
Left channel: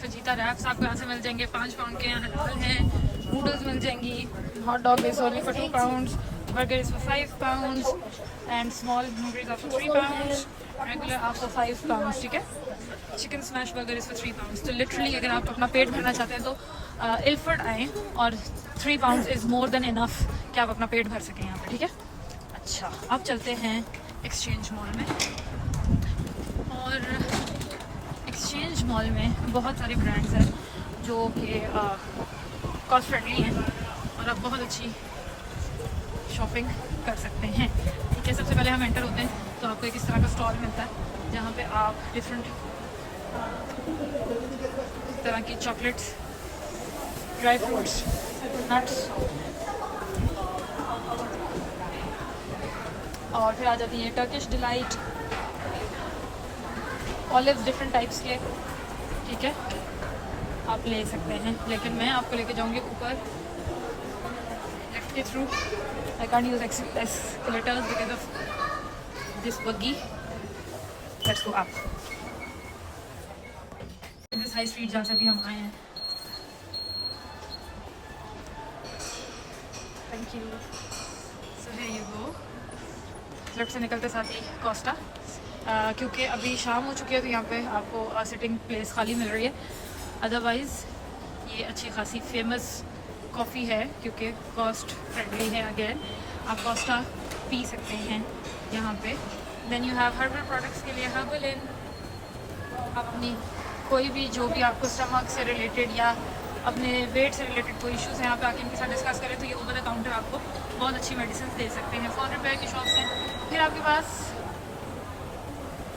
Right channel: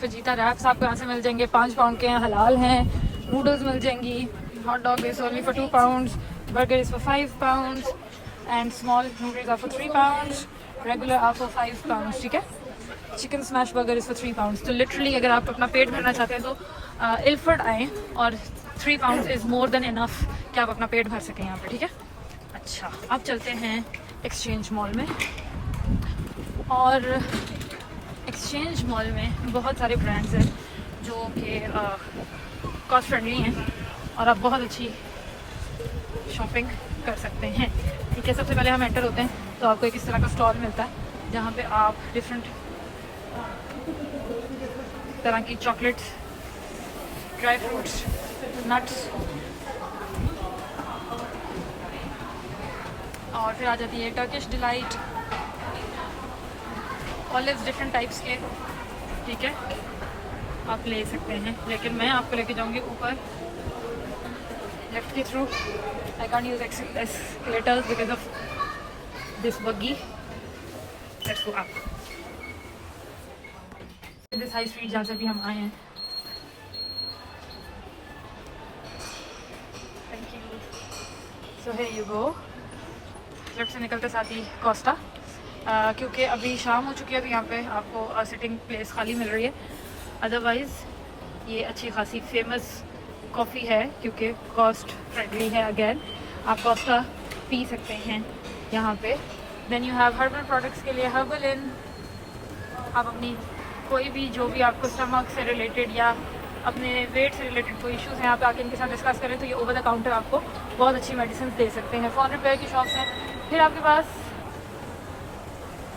फजीता रैप्स आपको यहाँ से मिल जाएंगे, 5 पाउंड के हैं, हलाल हैं। नूडल्स मिल जाएंगी, hot dog is only for 2 pounds, burger is for 5 pounds and small noodles are for 3 pounds, regular are for 5 pounds, ठीक है। Chicken smash burger is for 3 pounds। तो लिटरली अगर आप अपना पेट भरना चाहते हैं तो इल्फर्ड आएँ और 3 pounds is more than enough कि आप अपना पेट भर सकें यहाँ पर, ठीक है। अच्छा अब चलते हैं एक्सचेंज मॉल में। और एक्सचेंज मॉल में बहुत सारे ब्रांड्स हैं जो कि कॉस्ट फ्रेंडली हैं और आप बहुत अच्छी शॉपिंग कर सकते हैं, ठीक है। सबसे पहले हम एंटर होते हैं तो आपको एक इस तरह का स्टॉल मिलता है जहाँ पे आप डिफरेंट तरह की चॉकलेट्स, ड्राई फ्रूट्स, नट्स और फिर आ जाती है Turkish delight, olives different types के, ठीक है, आप ले सकते हैं। लेकिन मैं आपको लेके जाऊंगी ऊपर लेफ्ट के थ्रू। I can't use escalators because of this buggy. Let's go up this high street जहाँ से भी हम आए हैं। Thank you. So here you go. Left से निकलते साथ ही कोस्टा, क्योंकि अभी शाम हो चुकी है तो यहाँ पे आपको सिटिंग प्लेस खाली मिल रही है। अदरवाइज़ ये अच्छी खासी फेमस कॉफ़ी है क्योंकि कॉस्ट फ्रेंडली है। अगेन आप कोस्टा पी सकते हैं यहाँ पे। Then you have herbal products के लिए हर्बल इन। आप अपनी कोई भी जो भी आपको स्टमक से रिलेटेड या अपने वेट से रिलेटेड कोई इश्यूज़ हैं यहाँ पे आके इनके साथ डिस्कस करें तो ये ओवर द काउंटर आपको बहुत अच्छी मेडिसिन दे सकते हैं। फ़ॉरेन रिपेयर की शॉप्स हैं। फिर आपके पास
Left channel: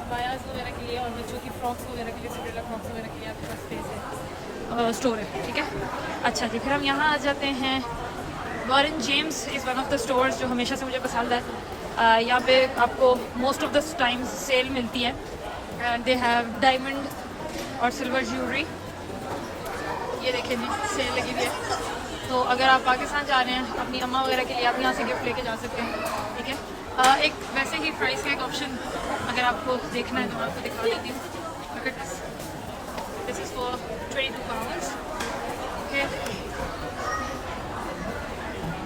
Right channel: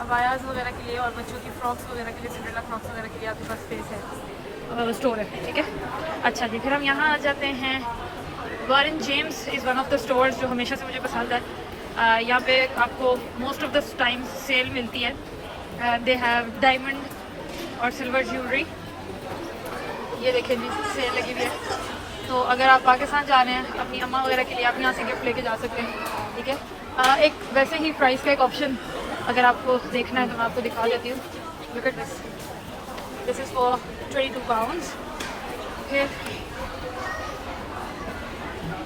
अबायाज वगैरह के लिए और बच्चों की फ्रॉक्स वगैरह के लिए, सिंड्रेला फ्रॉक्स वगैरह के लिए आपके पास स्पेस है, स्टोर है, ठीक है। अच्छा जी, फिर हम यहाँ आ जाते हैं। Warren James is one of the stores जो हमेशा से मुझे पसंद है। यहाँ पे आपको most of the times sale मिलती है। दे हैव डायमंड और सिल्वर ज्वेलरी, ये देखें जी, सेल लगी हुई है। तो अगर आप पाकिस्तान जा रहे हैं अपनी अम्मा वगैरह के लिए, आप यहाँ से गिफ्ट लेके जा सकते हैं, ठीक है। एक वैसे ही प्राइस का एक ऑप्शन अगर आपको देखना है तो मैं आपको दिखा देती हूँ। Look at this, this is for 22 pounds. फिर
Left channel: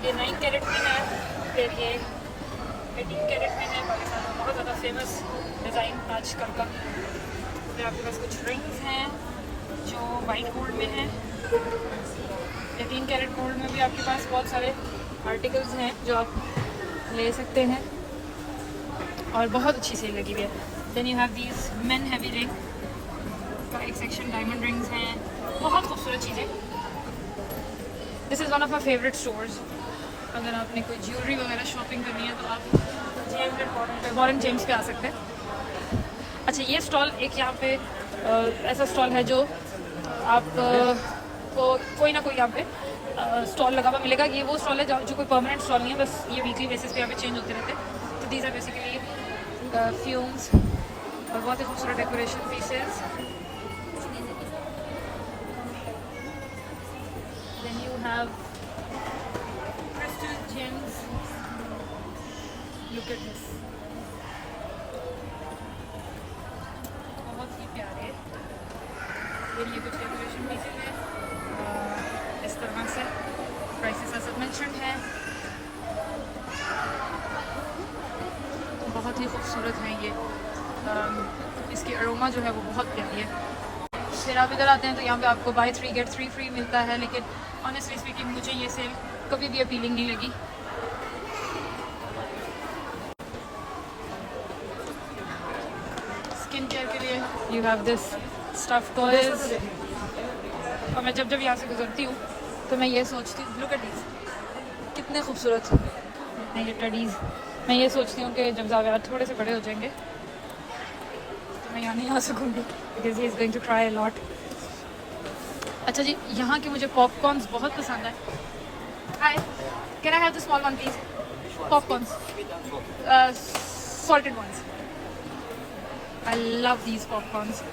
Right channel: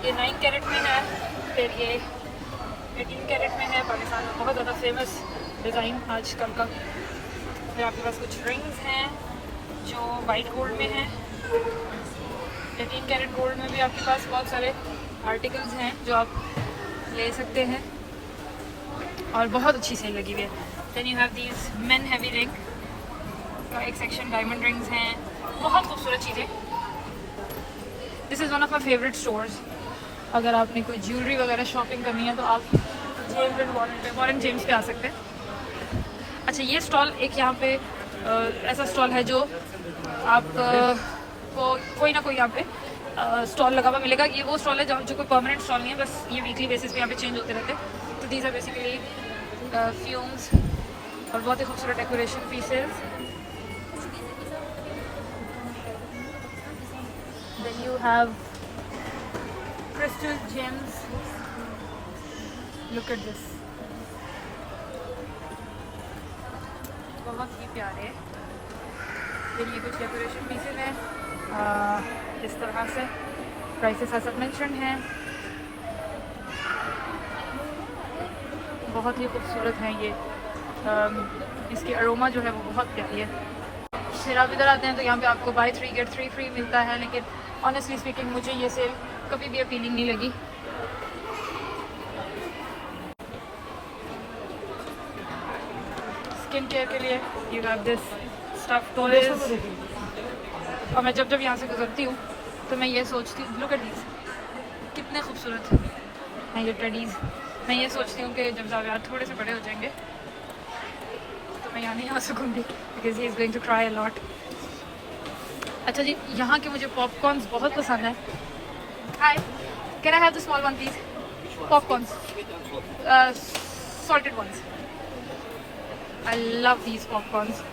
ये 9 कैरेट में है, फिर ये 18 कैरेट में है। पाकिस्तान में बहुत ज़्यादा फेमस डिज़ाइन आजकल का। फिर आपके पास कुछ रिंग्स हैं जो वाइट गोल्ड में हैं। 18 कैरेट गोल्ड में भी आपके पास बहुत सारे आर्टिकल्स हैं जो आप ले सकते हैं और बहुत अच्छी सेल लगी हुई है। Then you have these men heavy ring का एक सेक्शन, डायमंड रिंग्स हैं, बहुत खूबसूरत चीज़ें। This is one of my favourite stores. अगर आपने कोई ज्वेलरी वगैरह शॉपिंग करनी है तो आप जेम्स एंड वॉरेन जेम्स पे आ सकते हैं। अच्छा, ये स्टॉल एक यहाँ पे ऐसा स्टॉल है जो आप को कोई ना कोई यहाँ पे स्टॉल लगा हुआ मिलेगा। ये वो स्टॉल है जो कोई परमानेंट स्टॉल नहीं है, बस ये वीकली बेसिस पे यहाँ पे चेंज होते रहते हैं। तो दीज आर बेसिकली फ्यूम्स और बहुत ही खूबसूरत decoration pieces. Then you have crystal gems, look at this, बहुत ही प्यारे। ये कुछ डेकोरेशन पीसेस हैं इस तरह से। प्राइसेस एज मेंशन हैं, बहुत ही खूबसूरत हैं ये। इसकी अरोमा जो है वो बहुत प्यारी है। फिर आप इधर आते हैं तो यहाँ पे आपको बाय 3 गेट 3 फ्री मिलता है, लेकिन ऑनेस्टली स्पीकिंग मुझे ये सेल कभी भी अपीलिंग नहीं लगी। स्किन केयर के लिए you have this stuff toys, और मैं जब यहाँ से गुजरती हूँ तो मैं ये सोचती हूँ, लुक एट दीस, कितने खूबसूरत हैं ये टेडीज़। मैं ये सोचती हूँ कि जब ज़ावियार थोड़े से बड़े हो जाएंगे तो मैं यहाँ नहीं आ सकूँगी, because he is going to try a lot. अच्छा जी, यहाँ के मुझे पॉपकॉर्न्स बहुत पसंद है। Hi, can I have the small one please? Popcorns, salted ones. I love these popcorns.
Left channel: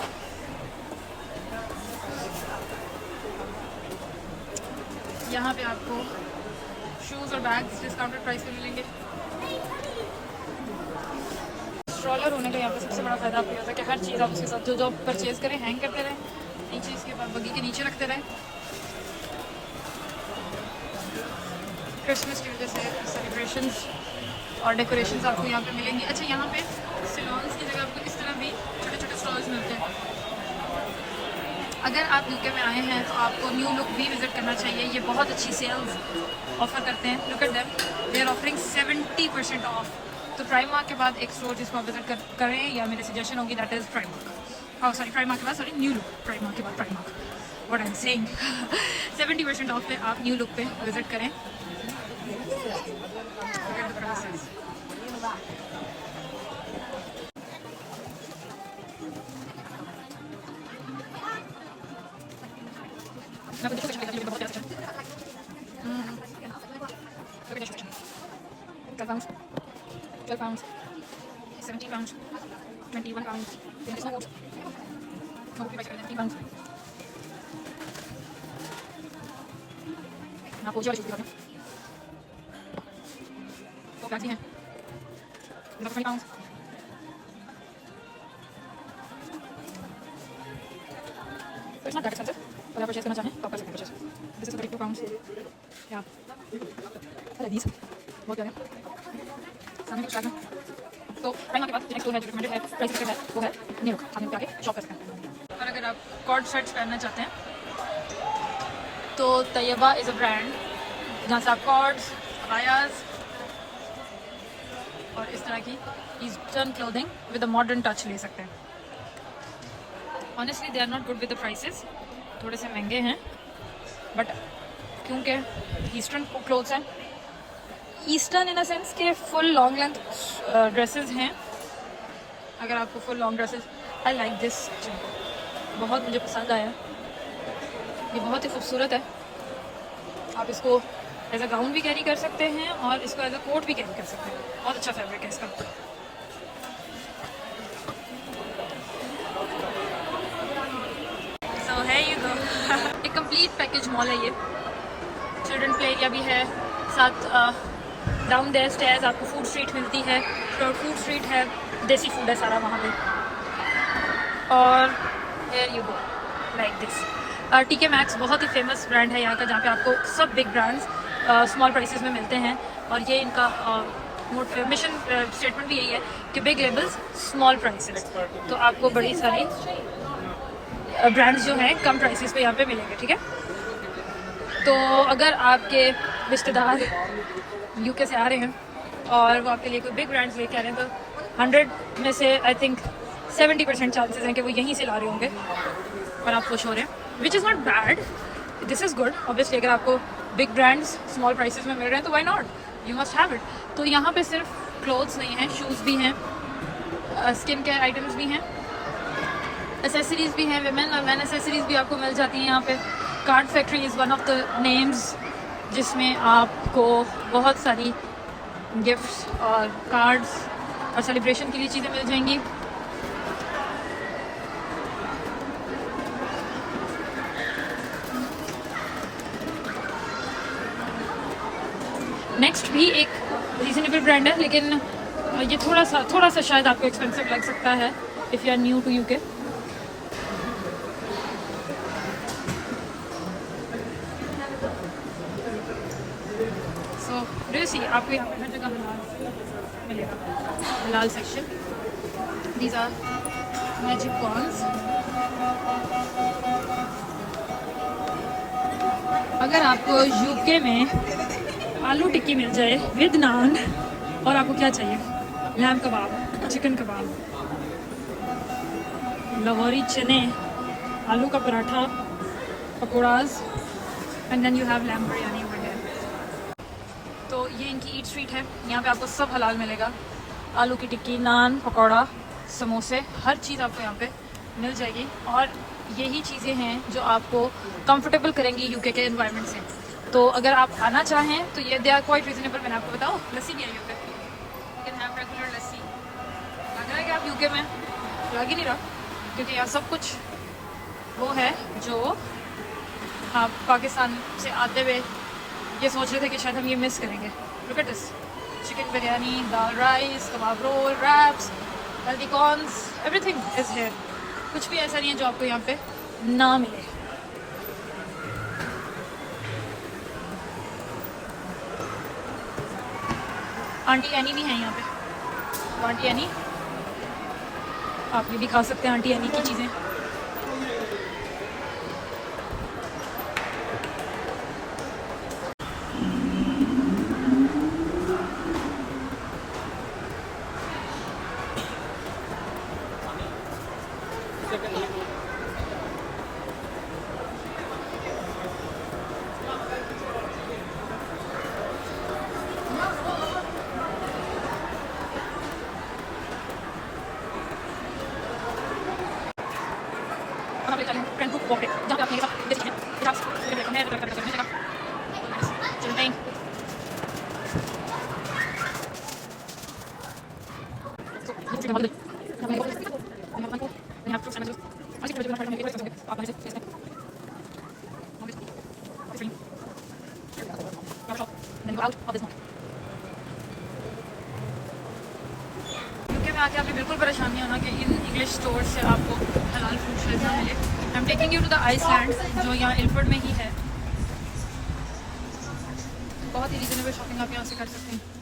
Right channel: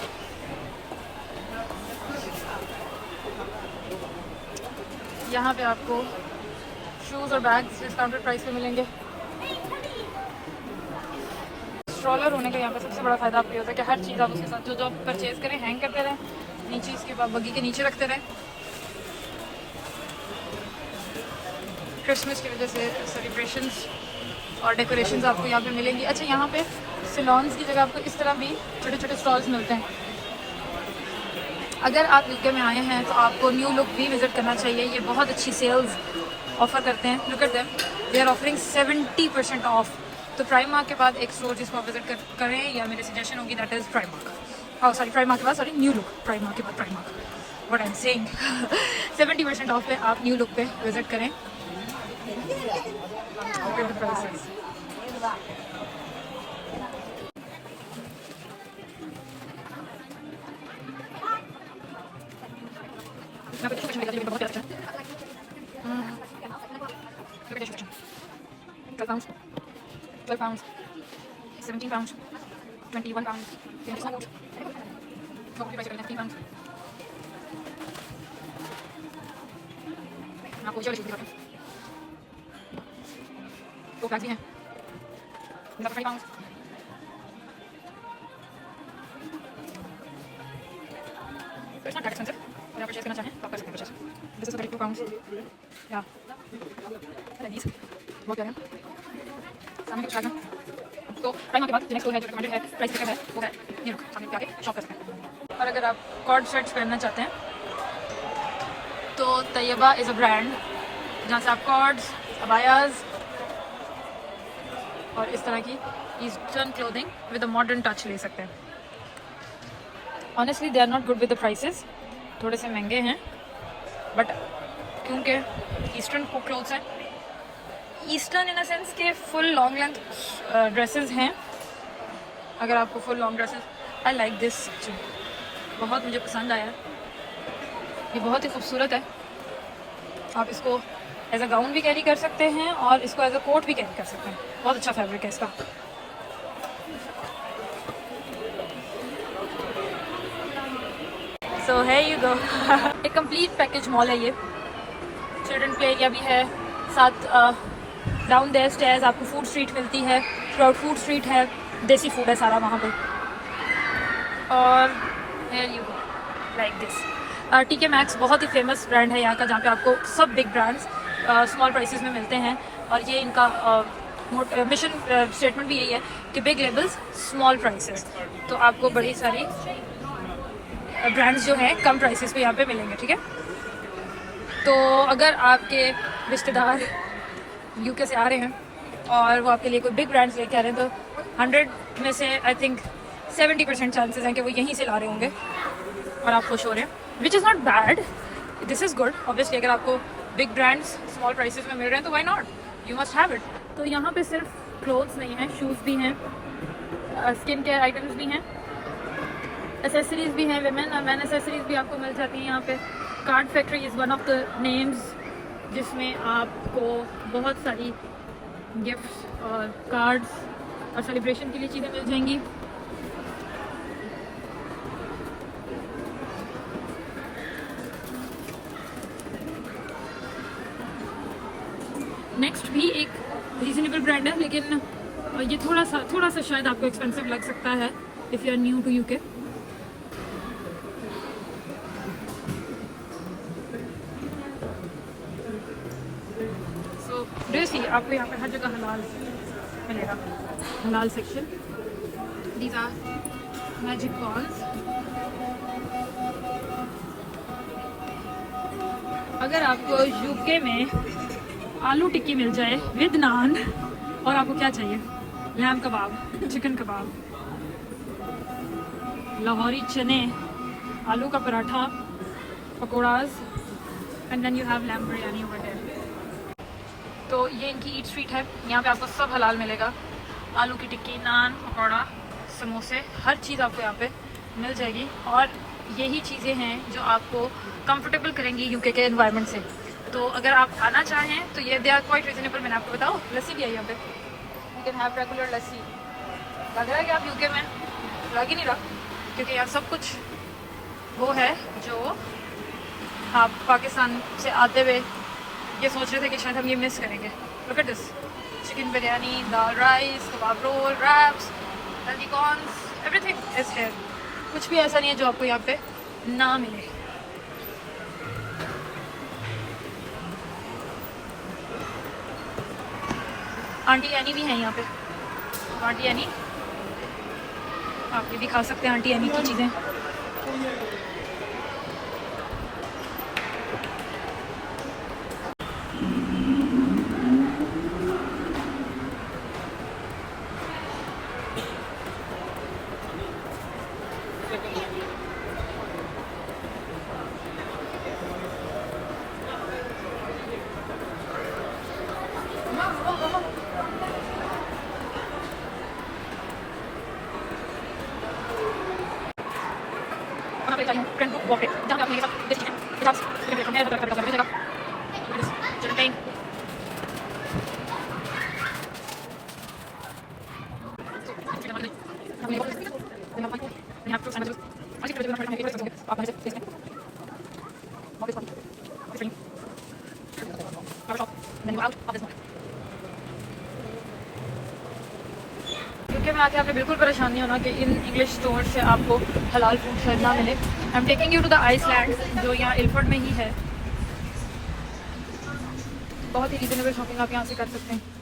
यहाँ पे आपको शूज़ और बैग्स डिस्काउंटेड प्राइस पे मिलेंगे। स्ट्रोलर होने का यहाँ पे सबसे बड़ा फ़ायदा आपको होता है कि हर चीज़ आप उसके साथ जो परचेज़ करें हैंग करते रहें, नीचे इसके बाद बग्गी के नीचे रखते रहें। क्रिसमस की वजह से सेलिब्रेशंस और डेकोरेशंस आपको यहाँ पे मिलेंगी। अच्छा, यहाँ पे सिलॉन्स की जगह आपको इस तरह भी छोटे छोटे स्टॉल्स मिलते हैं। अगर आप यूके में आए हैं तो आपको न्यू लुक भी विज़िट करना चाहिए। ये बहुत अच्छी सेल्स ऑफ़र करते हैं। Look at them, they are offering 70% off. तो प्राइमार्क के बाद एक स्टोर जिसको आप विजिट करें, या मेरी सजेशन होगी, that is Primark. Sorry, Primark के बाद, सॉरी, न्यू लुक। प्राइमार्क के बाद Primark, what I am saying. 70% of पे आप न्यू लुक पे विजिट करें। £12, £17, £21, £19. आपको जो चीज़ दिखाऊं, तो बैग्स भी हैं, £20. तो इट्स नॉट दैट एक्सपेंसिव। अगर आप परचेज करना चाहें तो आप कर सकते हैं परचेज। दिस इज £32 या these बहुत प्यारे हैं। सामने कुछ लगा तो टाइम के बाद नेक्स्ट है जो रिकमेंडेड है, प्राइस है वो है न्यू लुक। सामने पे आके शॉप कर सकते हैं। और अगर आप कॉर्ड सेट्स पहनना चाहते हैं तो तैयबा इज़ अ ब्रांड जहाँ से आप कॉर्ड्स, अबायाज और इस तरह की eastern clothing with a modern touch ले सकते हैं। Honestly they are not good with the prices, थोड़े से महंगे हैं, बट क्योंकि ईस्टर्न क्लोथ्स हैं, ईस्टर्न इन अ सेंस के फुल लॉन्ग लेंथ ड्रेसेस हैं, अगर आपको full long dresses, I like this, बहुत मुझे पसंद आया, ये बहुत ही खूबसूरत है। आप इसको एज अ गाउन भी कैरी कर सकते हैं और इसको एज अ कोट भी कैरी कर सकते हैं। बहुत अच्छा फैब्रिक है इसका। सो है यू गो। एक कंप्लीट पैकेज मॉल है ये। चिल्ड्रन प्ले एरिया भी है, साथ डाउन देयर स्टेयर्स आपको फूड स्ट्रीट मिलती है, थ्रू फूड स्ट्रीट है, देसी फूड है सारा वहाँ पे। और here you go like this. टीके मैक्स बहुत ही फेमस ब्रांड है यहाँ का, जहाँ पे आपको सब बिग ब्रांड्स स्मॉल प्राइसेस में मिलते हैं। और ये इनका मिशन स्टेटमेंट भी यही है कि बिग लेबल्स स्मॉल प्राइसेस। तो आपको बड़ी सारी ब्रांड्स जो हैं कम प्राइसेस पे यहाँ पे मिलेंगे, ठीक है। तो अगर आपके रिश्तेदार यूके से आ रहे हैं और वो आपके लिए कोई बिग ब्रांड्स लेके आ रहे हैं, तो 100 में से आई थिंक 70% चांसेस हैं कि वो यहीं से ला रहे होंगे और आप खुश हो रहे हैं, which is not bad, this is good. Obviously अगर आपको बिग ब्रांड्स स्मॉल प्राइसेस में मिल रहे हैं तो why not, you must have it. तो यहाँ पे सिर्फ क्लोथ्स नहीं हैं, शूज़ भी हैं, स्किन केयर आइटम्स भी हैं, एसेसरीज भी हैं, वेमेन और मैन एसेसरीज भी आपको मिल जाती हैं यहाँ पे। Card factory is one of the names, जिसमें आपको बहुत सारी गिफ्ट्स और कार्ड्स और सेलिब्रेशन के लिए चीज़ें मिल जाएंगी। नेक्स्ट भी एक रीजनेबल ब्रांड है, लेकिन ये थोड़ा सा शायद आपको एक्सपेंसिव लग सकता है if you are new to UK. So do you see, आपको यहाँ पे हर जगह हलाल मिलेगा, हलाल section. These are magic corns. अगर आपको यूके में आलू टिक्की मिल जाए विद नान, और आपको क्या चाहिए, लैम कबाब, चिकन कबाब, लाहौरी चने, आलू का paratha, pakoras, and then you have lamb biryani over here. तो ये इनकी ईट स्ट्रीट है, यहाँ पे आपको सब हलाल मिलेगा। आलू की टिक्की, नान, पकौड़ा, समोसे, हर चीज़ आपको यहाँ पे मिल जाएगी। और यही चीज़ें हैं जो आपको कंफर्टेबल करेंगी यूके के एनवायरनमेंट से। तो अगर आप आना चाहें तो ये दे आर क्वाइट रीजनेबल। मैंने आपको बताओ, लस्सी भी आई यहाँ पे, यू कैन हैव रेगुलर लस्सी। लग रहा है कि आप यूके में, लग ही नहीं रहा, क्योंकि यहाँ सब कुछ वो है जो आप पाकिस्तान से आते हुए ये सोच रहे थे कि शायद हम ये मिस करेंगे। Look at this, chicken biryani, dal rice, kebab roll, wraps, healthy corns, everything is here. कुछ भी ऐसा नहीं है जो आपको यहाँ पे ना मिले। आंटी एनी भी है यहाँ पे, आंटी एनी आप ये भी खा सकते हैं, आंटी एनी की चीज़ें। यूके में आके आपने बिल्कुल परेशान नहीं होना कि इन इंग्लिश स्टोर से आपको हलाल फूड शायद ना मिले। I am taking you to the Iceland, जो यहाँ इल्फर्ड में ही है। बहुत ही रीजनेबल शॉपिंग आप यहाँ से कर सकते हैं।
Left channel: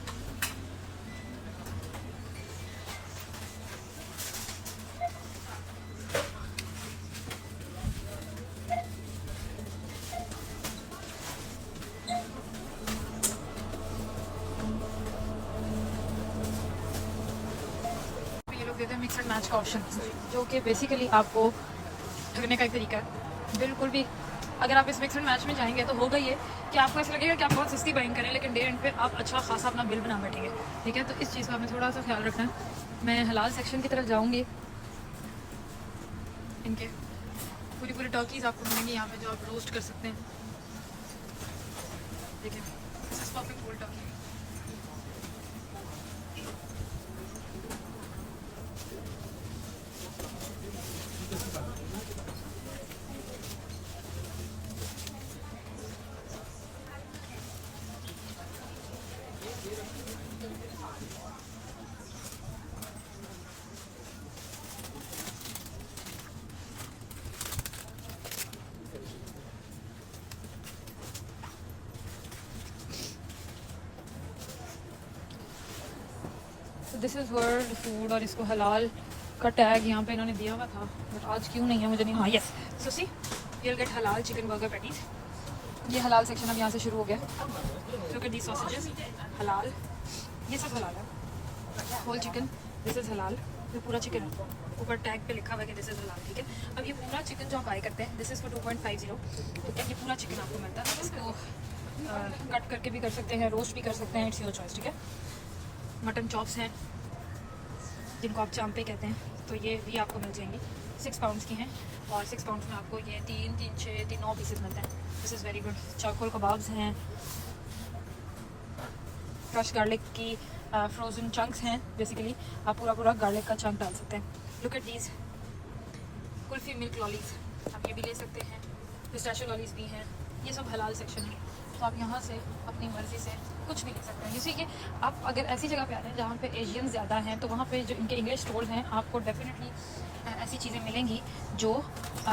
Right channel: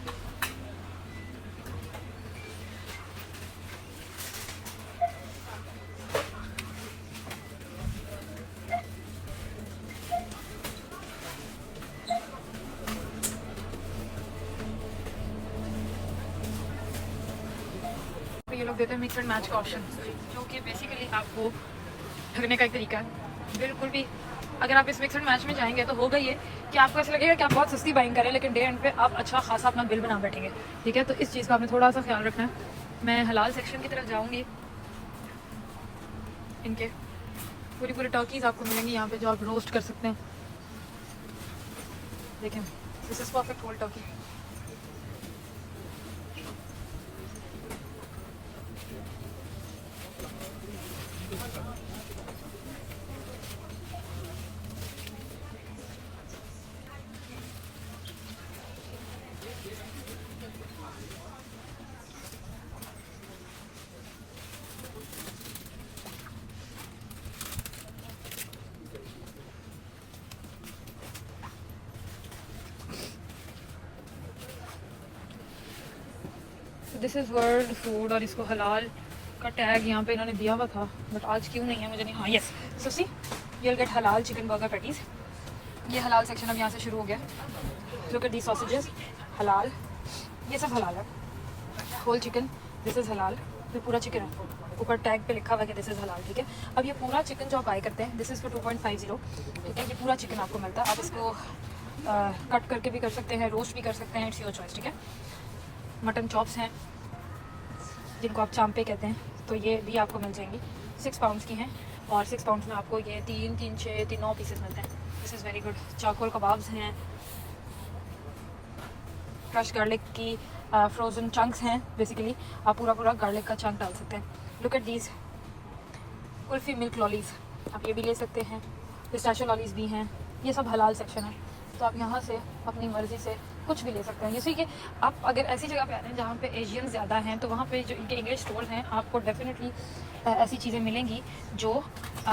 देते हैं मिक्स एंड मैच का ऑप्शन, जो कि बेसिकली आपको करने का एक तरीका है। बिल्कुल भी अगर आप इस मिक्स एंड मैच में जाएंगे तो होगा ये कि आपको ऐसा लगेगा कि आप बहुत सस्ती बाइंग करें, लेकिन डे एंड पे आप अच्छा खासा अपना बिल बना बैठेंगे, ठीक है। तो इस चीज़ का हमें थोड़ा सा ख्याल रखना है। मैं हलाल सेक्शन की तरफ जाऊंगी। इनके पूरी पूरी टर्कीज आपको मिलेंगी यहाँ पे जो आप रोस्ट कर सकते हैं। देखें, this is perfect whole turkey. This is world food और इसको हलाल का टैग यहाँ पे इन्होंने दिया हुआ था, बट आज क्यों नहीं है मुझे नहीं। हाँ यस, सो सी यूल गेट हलाल चिकन बर्गर पैटीज। ये हलाल सेक्शन अब यहाँ से शुरू हो गया। लुक एट दी सॉसेजेस, हलाल, ये सब हलाल है। होल चिकन, दिस इज़ हलाल। ये पूरा चिकन है, ऊपर टैग पे लिखा हुआ है कि दिस इज़ हलाल, ठीक है। अब ये पूरा चिकन जो आप बाय करते हैं, दिस इज़ फॉर 2.50, ठीक है। ये पूरा चिकन आपको मिलता है। आप इसको कट करके भी कर सकते हैं, रोस्ट भी कर सकते हैं, इट्स योर चॉइस, ठीक है। मटन चॉप्स हैं जिनको आप चांपे कहते हैं, तो ये भी आपको मिल जाएंगी। 6 पाउंड्स की हैं और 6 पाउंड्स में आपको ये 3, 3, 6, 9 पीसेस मिलते हैं। This is very good. चाकोल kebabs हैं, क्रश गार्लिक की फ्रोज़न चंक्स हैं। बेसिकली आप पूरा पूरा गार्लिक का चंक डाल सकते हैं। Look at these kulfi milk lollies, आप ये भी ले सकते हैं। पिस्ताशियो लॉलीज भी हैं। ये सब हलाल सेक्शन है, तो आप यहाँ से अपनी मर्ज़ी से कुछ भी ले सकते हैं। जैसे कि आप अगर ऐसी जगह पे आते हैं जहाँ पे एशियन ज़्यादा हैं, तो वहाँ पे जो इनके इंग्लिश स्टोर हैं, आपको डेफिनेटली ऐसी चीज़ें मिलेंगी जो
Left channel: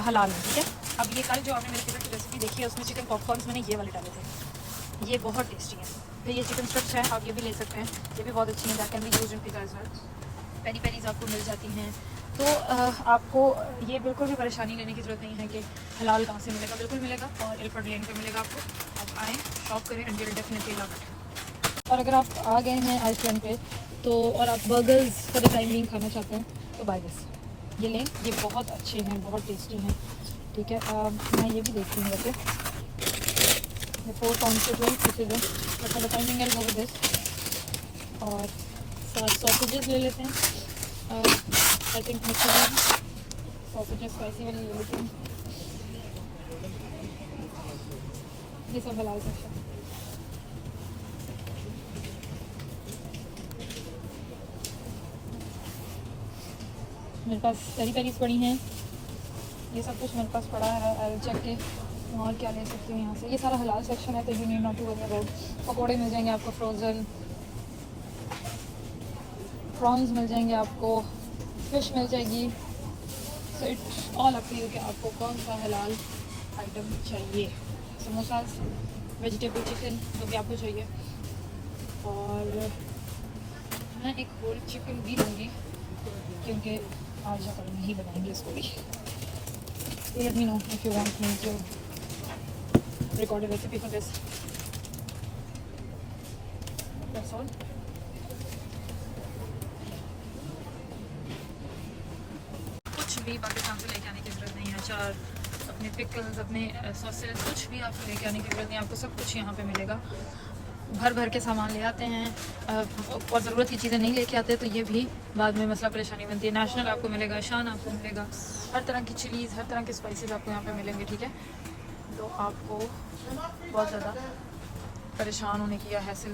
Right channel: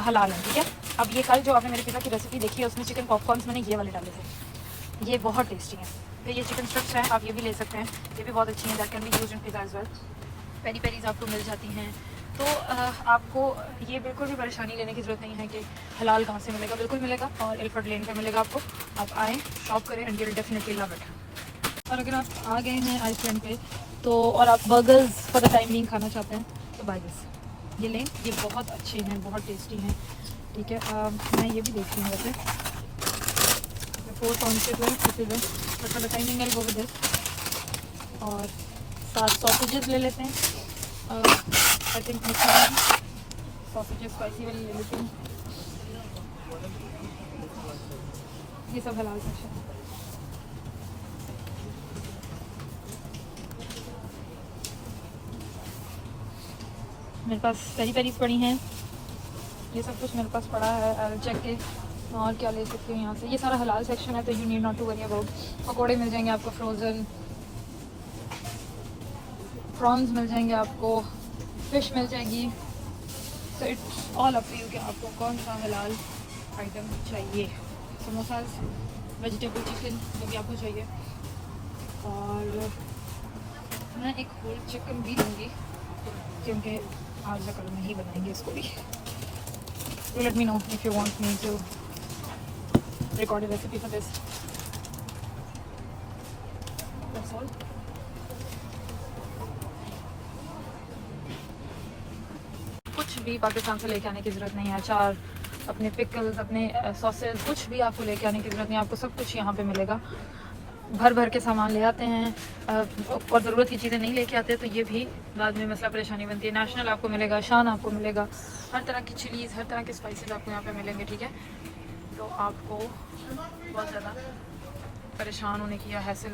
हलाल हैं, ठीक है। अब ये कल जो आपने मेरे पिता की रेसिपी देखी है, उसमें चिकन पॉपकॉर्न्स मैंने ये वाले डाले थे, ये बहुत टेस्टी हैं। फिर ये चिकन स्ट्रिप्स हैं, आप ये भी ले सकते हैं, ये भी बहुत अच्छी हैं। That can be used in pizza as well. Peri peris आपको मिल जाती हैं। तो आपको ये बिल्कुल भी परेशानी लेने की ज़रूरत नहीं है कि हलाल कहाँ से मिलेगा, बिल्कुल मिलेगा और एयरपोर्ट लेन पर मिलेगा आपको। आप आएँ, शॉप करें and will definitely love it. और अगर आप आ गए हैं आइसलैंड पे तो और आप बर्गर्स फॉर द टाइम नहीं खाना चाहते हैं, तो बाय दिस, ये लें, ये बहुत अच्छे हैं, बहुत टेस्टी हैं, ठीक है। मैं ये भी देखती हूँ वैसे 4 पाउंड के but for the timing I go with this. और 7 सॉसेजेस ले लेते हैं। आई थिंक सॉसेजेस स्पाइसी वाली ले लेते हैं। ये सब हलाल सेक्शन। मेरे पास पेरी पेरीज पड़ी हैं, ये सब कुछ मेरे पास पड़ा है। चेक के और क्या ले सकती हूँ यहाँ से। ये सारा हलाल सेक्शन है, तो you need not to worry about. पकौड़े मिल जाएंगे आपको, फ्रोज़न प्रॉन्स मिल जाएंगे आपको, फिश मिल जाएगी। So it's all up to you कि आपको कौन सा हलाल आइटम चाहिए। समोसास, वेजिटेबल चिकन जो भी आपको चाहिए। और मैं एक होल चिकन भी लूँगी क्योंकि आज या कल नहीं बनाएंगे इसको भी। So let me know if you want me to record a recipe for this. That's all. कुछ भी पाकिस्तान से लेके आने की ज़रूरत नहीं है। अचार, अपने पिकल्स, अपने सॉसेज, कुछ भी आपको लेके आने की ज़रूरत नहीं है। आपको सब कुछ यहाँ पे मिलेगा। भर भर के सामान ले आते हैं और ज़रूरत की चीज़ें नहीं लेके आते, तो ये भी बाद में मसला परेशानी बनती है। नेशनल आपको मिलेगा, शान आपको मिलेगा, हर तरह की चिलीज़, हर तरह के स्पाइसेस आपको यहाँ पे मिलेंगे, ठीक है। तो आपको बहुत ज़्यादा परेशान होने की या हैसल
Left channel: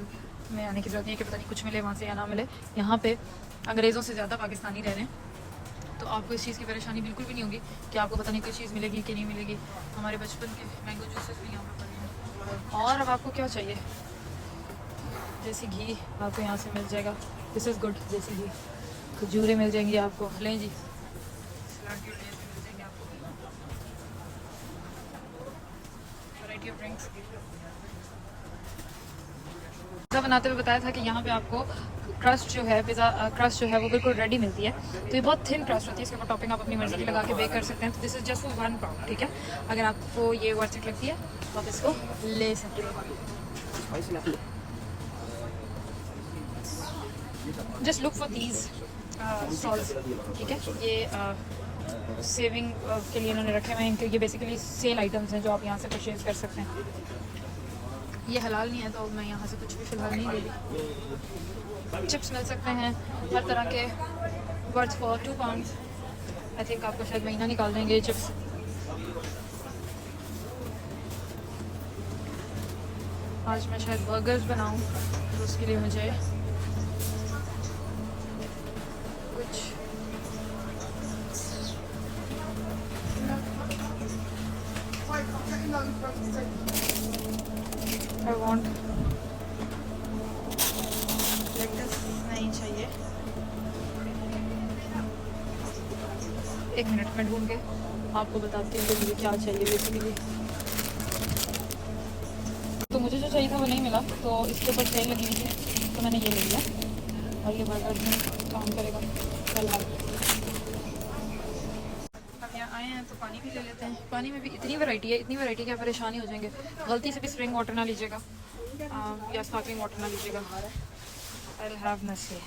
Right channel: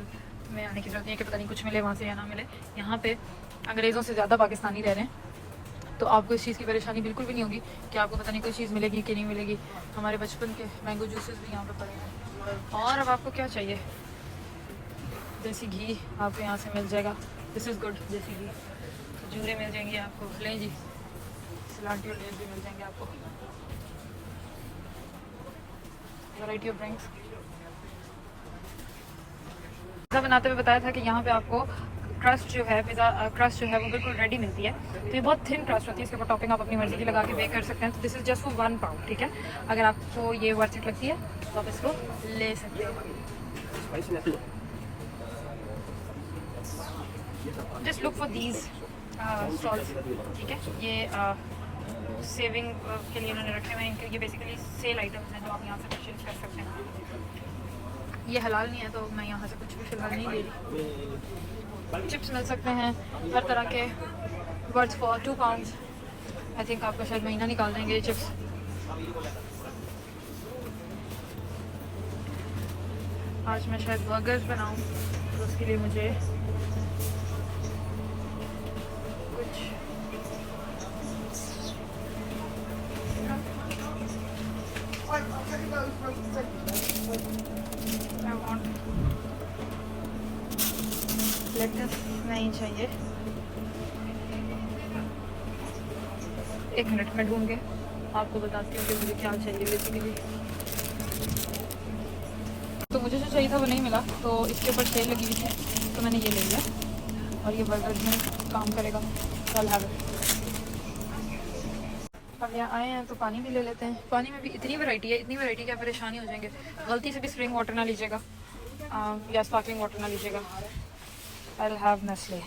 में आने की ज़रूरत नहीं है कि पता नहीं कुछ मिले वहाँ से या ना मिले। यहाँ पे अंग्रेज़ों से ज़्यादा पाकिस्तानी रह रहे हैं, तो आपको इस चीज़ की परेशानी बिल्कुल भी नहीं होगी कि आपको पता नहीं कोई चीज़ मिलेगी कि नहीं मिलेगी। हमारे बचपन के मैंगो जूसेस भी यहाँ पर पड़े हैं। और अब आपको क्या चाहिए, देसी घी आपको यहाँ से मिल जाएगा। दिस इज़ गुड, देसी घी। तो जूरे मिल जाएंगे आपको, लें जी, सिलांटी और लेस भी मिल जाएंगे आपको। Variety of drinks. पिज़्ज़ा बनाते हुए बताया था कि यहाँ पे आपको क्रस्ट जो है, पिज़्ज़ा क्रस्ट जो है वो बिल्कुल रेडी मिलती है। तो ये बहुत थिन क्रस्ट होती है, इसके ऊपर टॉपिंग आप अपनी मर्ज़ी की लगा के बेक कर सकते हैं। तो this is just for 1 pound, ठीक है। अगर आपको ये वर्थ इट लगती है तो आप इसको ले सकते हो। Just look for these stalls, ठीक है। ये सेविंग के लिए उन्होंने रखे हुए हैं इनके। ये बेसिकली सेल आइटम्स हैं जो आप यहाँ से परचेज कर सकते हैं। ये हलाल नहीं है तो मैं यहाँ से कुछ भी फ़िलहाल नहीं ले रही। चिप्स मिल सकते हैं हर तरह के, worth for 2 pounds. I think आपको शायद महीना निकाल देंगे ये चिप्स। आज मैं शायद बर्गर्स बनाऊँ तो उसके लिए मुझे कुछ I want lettuce नहीं चाहिए। एक मिनट में ढूंढ के आपको बताती हूँ कि मुझे क्या चाहिए बेसिकली। तो मुझे जो चाहिए था वो नहीं मिला, तो इसके ऊपर सेल लगी हुई थी तो मैंने ये ले लिया और ये बर्गर में काम करेगा कल। अब यहाँ आए हैं तो पानी भी ले लेते हैं। पानी में भी इतनी वैरायटी है, इतनी वैरायटी कि आप परेशानी हो जाएंगे। गलती से भी स्प्रिंग वाटर ना लीजिएगा या स्पार्कलिंग वाटर ना लीजिएगा। I will have Nestle.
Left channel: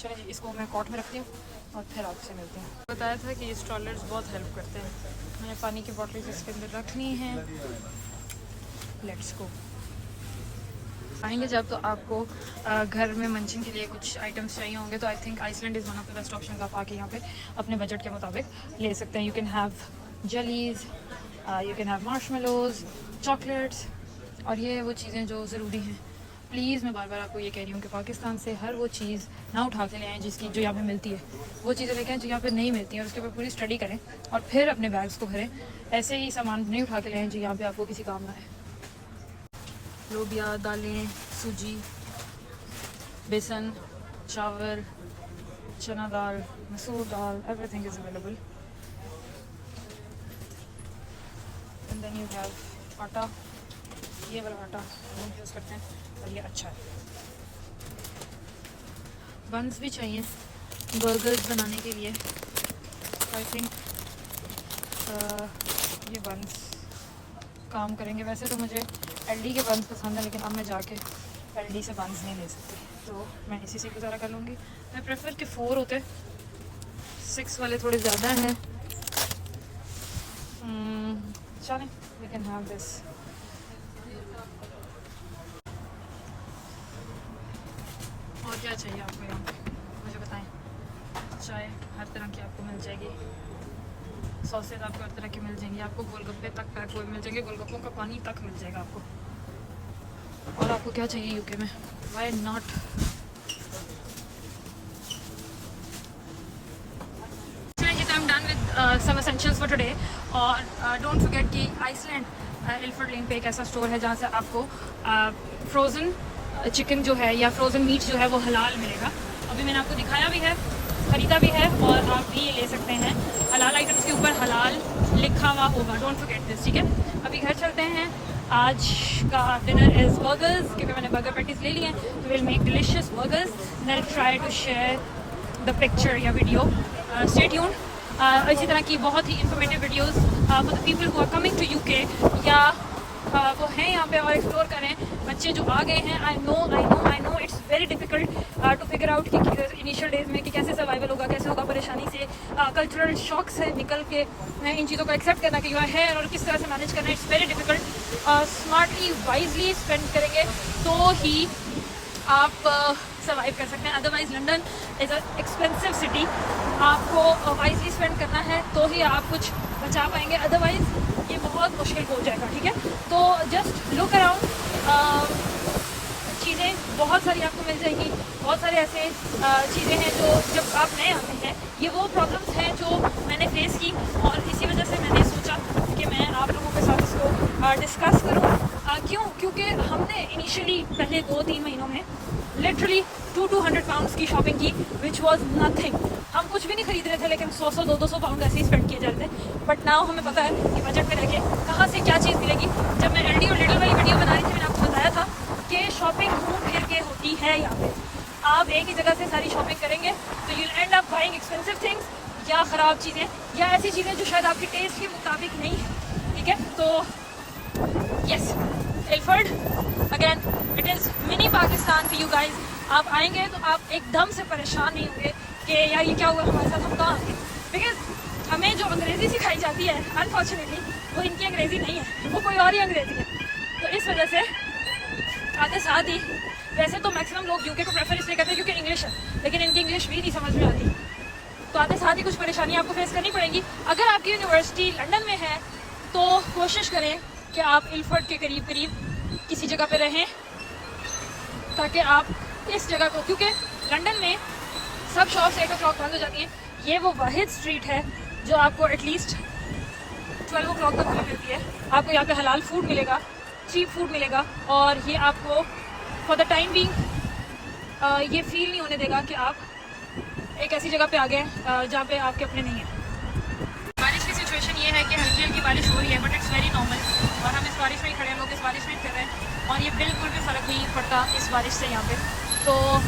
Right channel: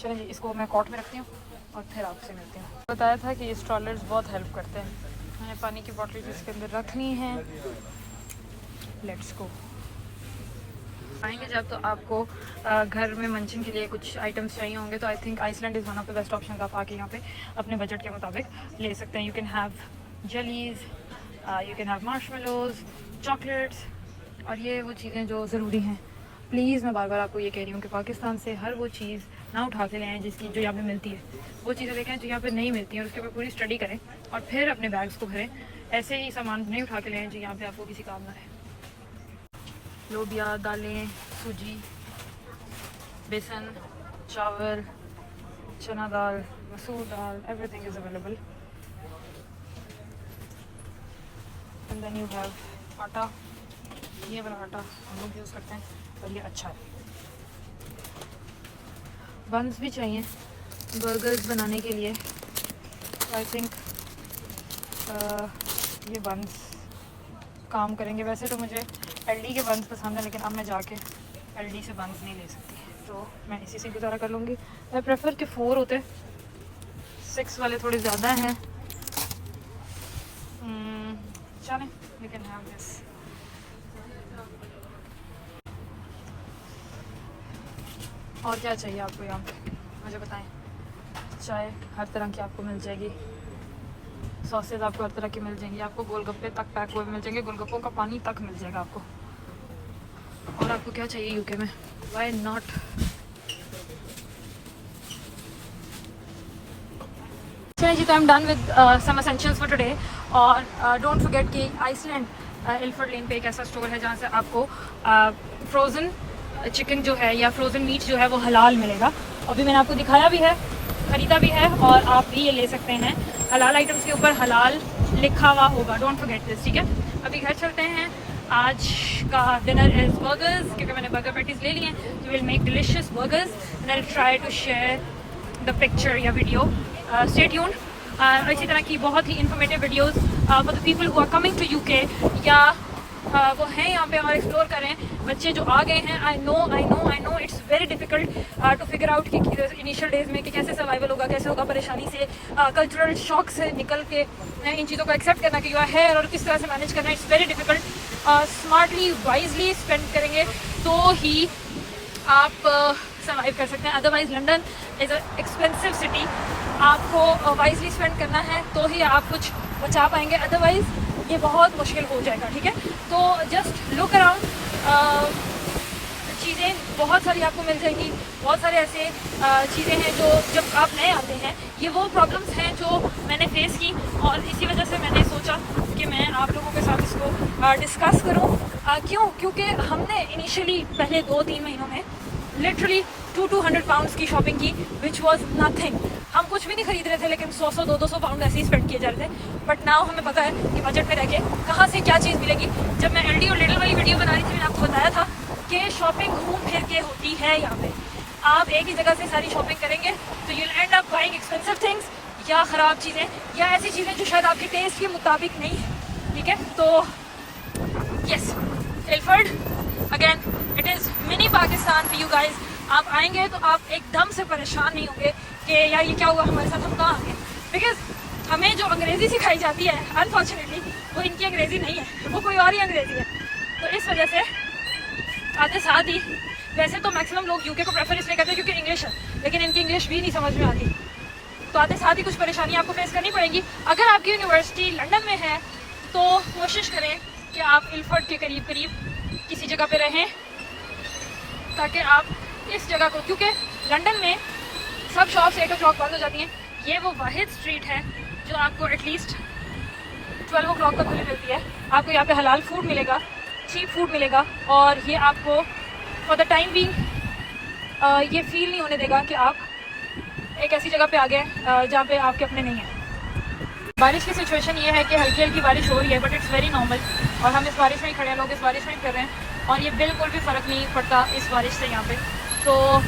चलिए इसको मैं कॉट में रखती हूँ और फिर आपसे मिलते हैं। बताया था कि ये स्ट्रॉलर्स बहुत हेल्प करते हैं। मैंने पानी की बॉटल्स इसके अंदर रखनी है। लेट्स गो। आएंगे जब तो आपको घर में मंचन के लिए कुछ आइटम्स चाहिए होंगे तो I think Iceland is one of the best option. आप आके यहाँ पे अपने बजट के मुताबिक ले सकते हैं। You can have jellies, you can have marshmallows, chocolates, और ये वो चीज़ें जो ज़रूरी हैं। प्लीज़ मैं बार बार आपको ये कह रही हूँ कि पाकिस्तान से हर वो चीज़ ना उठा के ले आएँ जिसकी जो यहाँ पे मिलती है। वो चीज़ें लेके आएँ जो यहाँ पे नहीं मिलती हैं और उसके ऊपर पूरी स्टडी करें और फिर अपने बैग्स को भरें। ऐसे ही सामान नहीं उठा के ले आएँ जो यहाँ पे आपको किसी काम ना है। लोबिया, दालें, सूजी, बेसन, चावल, चना दाल, मसूर दाल, everything is available. And then you have atta. ये वाला आटा हम लोग यूज़ करते हैं और ये अच्छा है। बन्स भी चाहिए बर्गर्स बनाने के लिए। आई थिंक ये बन्स काम करेंगे। वैसे तो मुझे एलडी के बन्स पसंद है, लेकिन अब मैं जाके एलडी से बन्स नहीं ले सकती, तो मैं इसी से गुजारा कर लूँगी। मैं प्रेफर कि 4 होते, 6 वाले थोड़े ज़्यादा हैं। चलें, वी कैन हैव दिस। और क्या चाहिए आपको यहाँ पे मुझे बताएं। चाय हर तरह की आपको मिल जाएगी, सॉसेज आपको हर तरह की मिल जाएंगी, आपको गोलगप्पे तक पैक हुए मिल जाएंगे, गोलगप्पों का पानी तक मिल जाएगा आपको। और आपको क्या चाहिए यूके में, व्हाई नॉट। चलिए जी, तो I am done with some essentials for today. और डोंट फॉरगेट कि आइसलैंड इल्फर्ड लेन पे एक ऐसा स्टोर है जहाँ से आपको फ्रोज़न चिकन जो है या फ्रोज़न मीट जो है वो हलाल मिलेगा। अभी मैंने आपको दिखाया भी है, खरीदा भी है, और आप भी ये ले सकते हैं। हलाल आइटम्स के ऊपर हलाल लिखा हुआ होगा, डोंट फॉरगेट दिस, ठीक है। अभी घर चलते हैं। आज का डिनर इज़ बर्गर्स, क्योंकि मैंने बर्गर पैटीज ले लिए हैं, तो will make delicious burgers. Then try to share the picture या वीडियो। Stay tuned. इसी तरह की बहुत ही informative videos for the people who are coming to UK, या वो हैं यहाँ पे और एक्सप्लोर करें। बच्चे जो आ गए हैं, I know it's very difficult to figure out कि इनिशियल डेज में कि कैसे सर्वाइवल होगा, कैसे होगा परेशानी से, कल्चरल शॉक से निकल के इन चीज़ों को एक्सेप्ट करना कि यू आर हेयर और किस तरह से मैनेज करना। It's very difficult. Smartly wisely spend करेंगे तो ही आप सर्वाइव कर सकते हैं। Otherwise London is a expensive city. आपको वाइजली स्पेंड करना है तो ही आप कुछ बचा पाएंगे, अदरवाइज ये बहुत मुश्किल हो जाएगा, ठीक है। तो जस्ट लुक अराउंड, चीज़ें बहुत सारी आपको मिल जाएंगी। बहुत सारे ऐसे चीज़ें हैं जो जब आप नए आते हैं, ये वो प्रॉब्लम्स हैं जो मैंने फेस की, और इसी वजह से मैंने सोचा कि मैं आप लोगों के साथ इसको डिस्कस करूँ। क्यों? क्योंकि हमने इनिशियली पहले 2-3 महीनों में लिटरली 200 पाउंड्स की शॉपिंग की, विच वॉज नथिंग। हम कुछ भी नहीं खरीद रहे थे, लेकिन 100-200 पाउंड ऐसे ही स्पेंड किए जा रहे थे। बट नाउ हमें पता है कि बजट में रह के कहाँ से क्या चीज़ मिलेगी। जब मैं एलडी और लिटिल वाली वीडियो बना रही थी, मैंने आपको बताया था कि शॉपिंग घूम फिर के होती है। यहाँ पे आप एक ही जगह से सारी शॉपिंग करेंगे तो you and up buying expensive things, या ख़राब चीज़ें, या ऐसी चीज़ें जो शायद आपके टेस्ट के मुताबिक नहीं है, ठीक है। तो yes, Ilford again, it is mini Pakistan for you guys. आप आएंगे तो आप एकदम से परेशान नहीं होंगे कि यार ये क्या हुआ हमारे साथ, हम कहाँ आ गए। बिकॉज हमें जो अंग्रेज़ी सिखाई जाती है, अनफॉर्चुनेटली वो इनकी अंग्रेज़ी नहीं है, वो कोई और ही अंग्रेज़ी है। तो इस वजह से आते साथ ही, वैसे तो मैक्सिमम लोग यूके को प्रेफर इसलिए करते हैं क्योंकि इंग्लिश है, लेकिन इनकी इंग्लिश भी नहीं समझ में आ रही, तो आते साथ ही कुछ परेशानी आपको फेस करनी पड़ेगी। अगर आपकी यूनिवर्सिटी लंदन में है तो कोशिश करें कि आप इल्फर्ट के करीब करीब किसी जगह पे रहें, ताकि आप इस जगह को, क्योंकि लंदन में सब शॉप्स 8 o'clock बंद हो जाती हैं। ये वो वाहिद स्ट्रीट है जो आपको एटलीस्ट 12 o'clock तक खुली मिलती है। आपको यहाँ पे हलाल फूड मिलेगा, चीप फूड मिलेगा, और ये आपको फॉर द टाइम बीइंग ये फील नहीं होने देगा कि आप एक ऐसी जगह पे आ गए जहाँ पे आपके अपने नहीं हैं। बारिश की सिचुएशन ये है कि हल्की हल्की बारिश हो रही है, बट इट्स वेरी नॉर्मल, और हम इस बारिश में ही खड़े हैं, लोग इस बारिश में ही कर रहे हैं, और ये बिल्कुल भी फ़र्क नहीं पड़ता इस बारिश से यहाँ पे। तो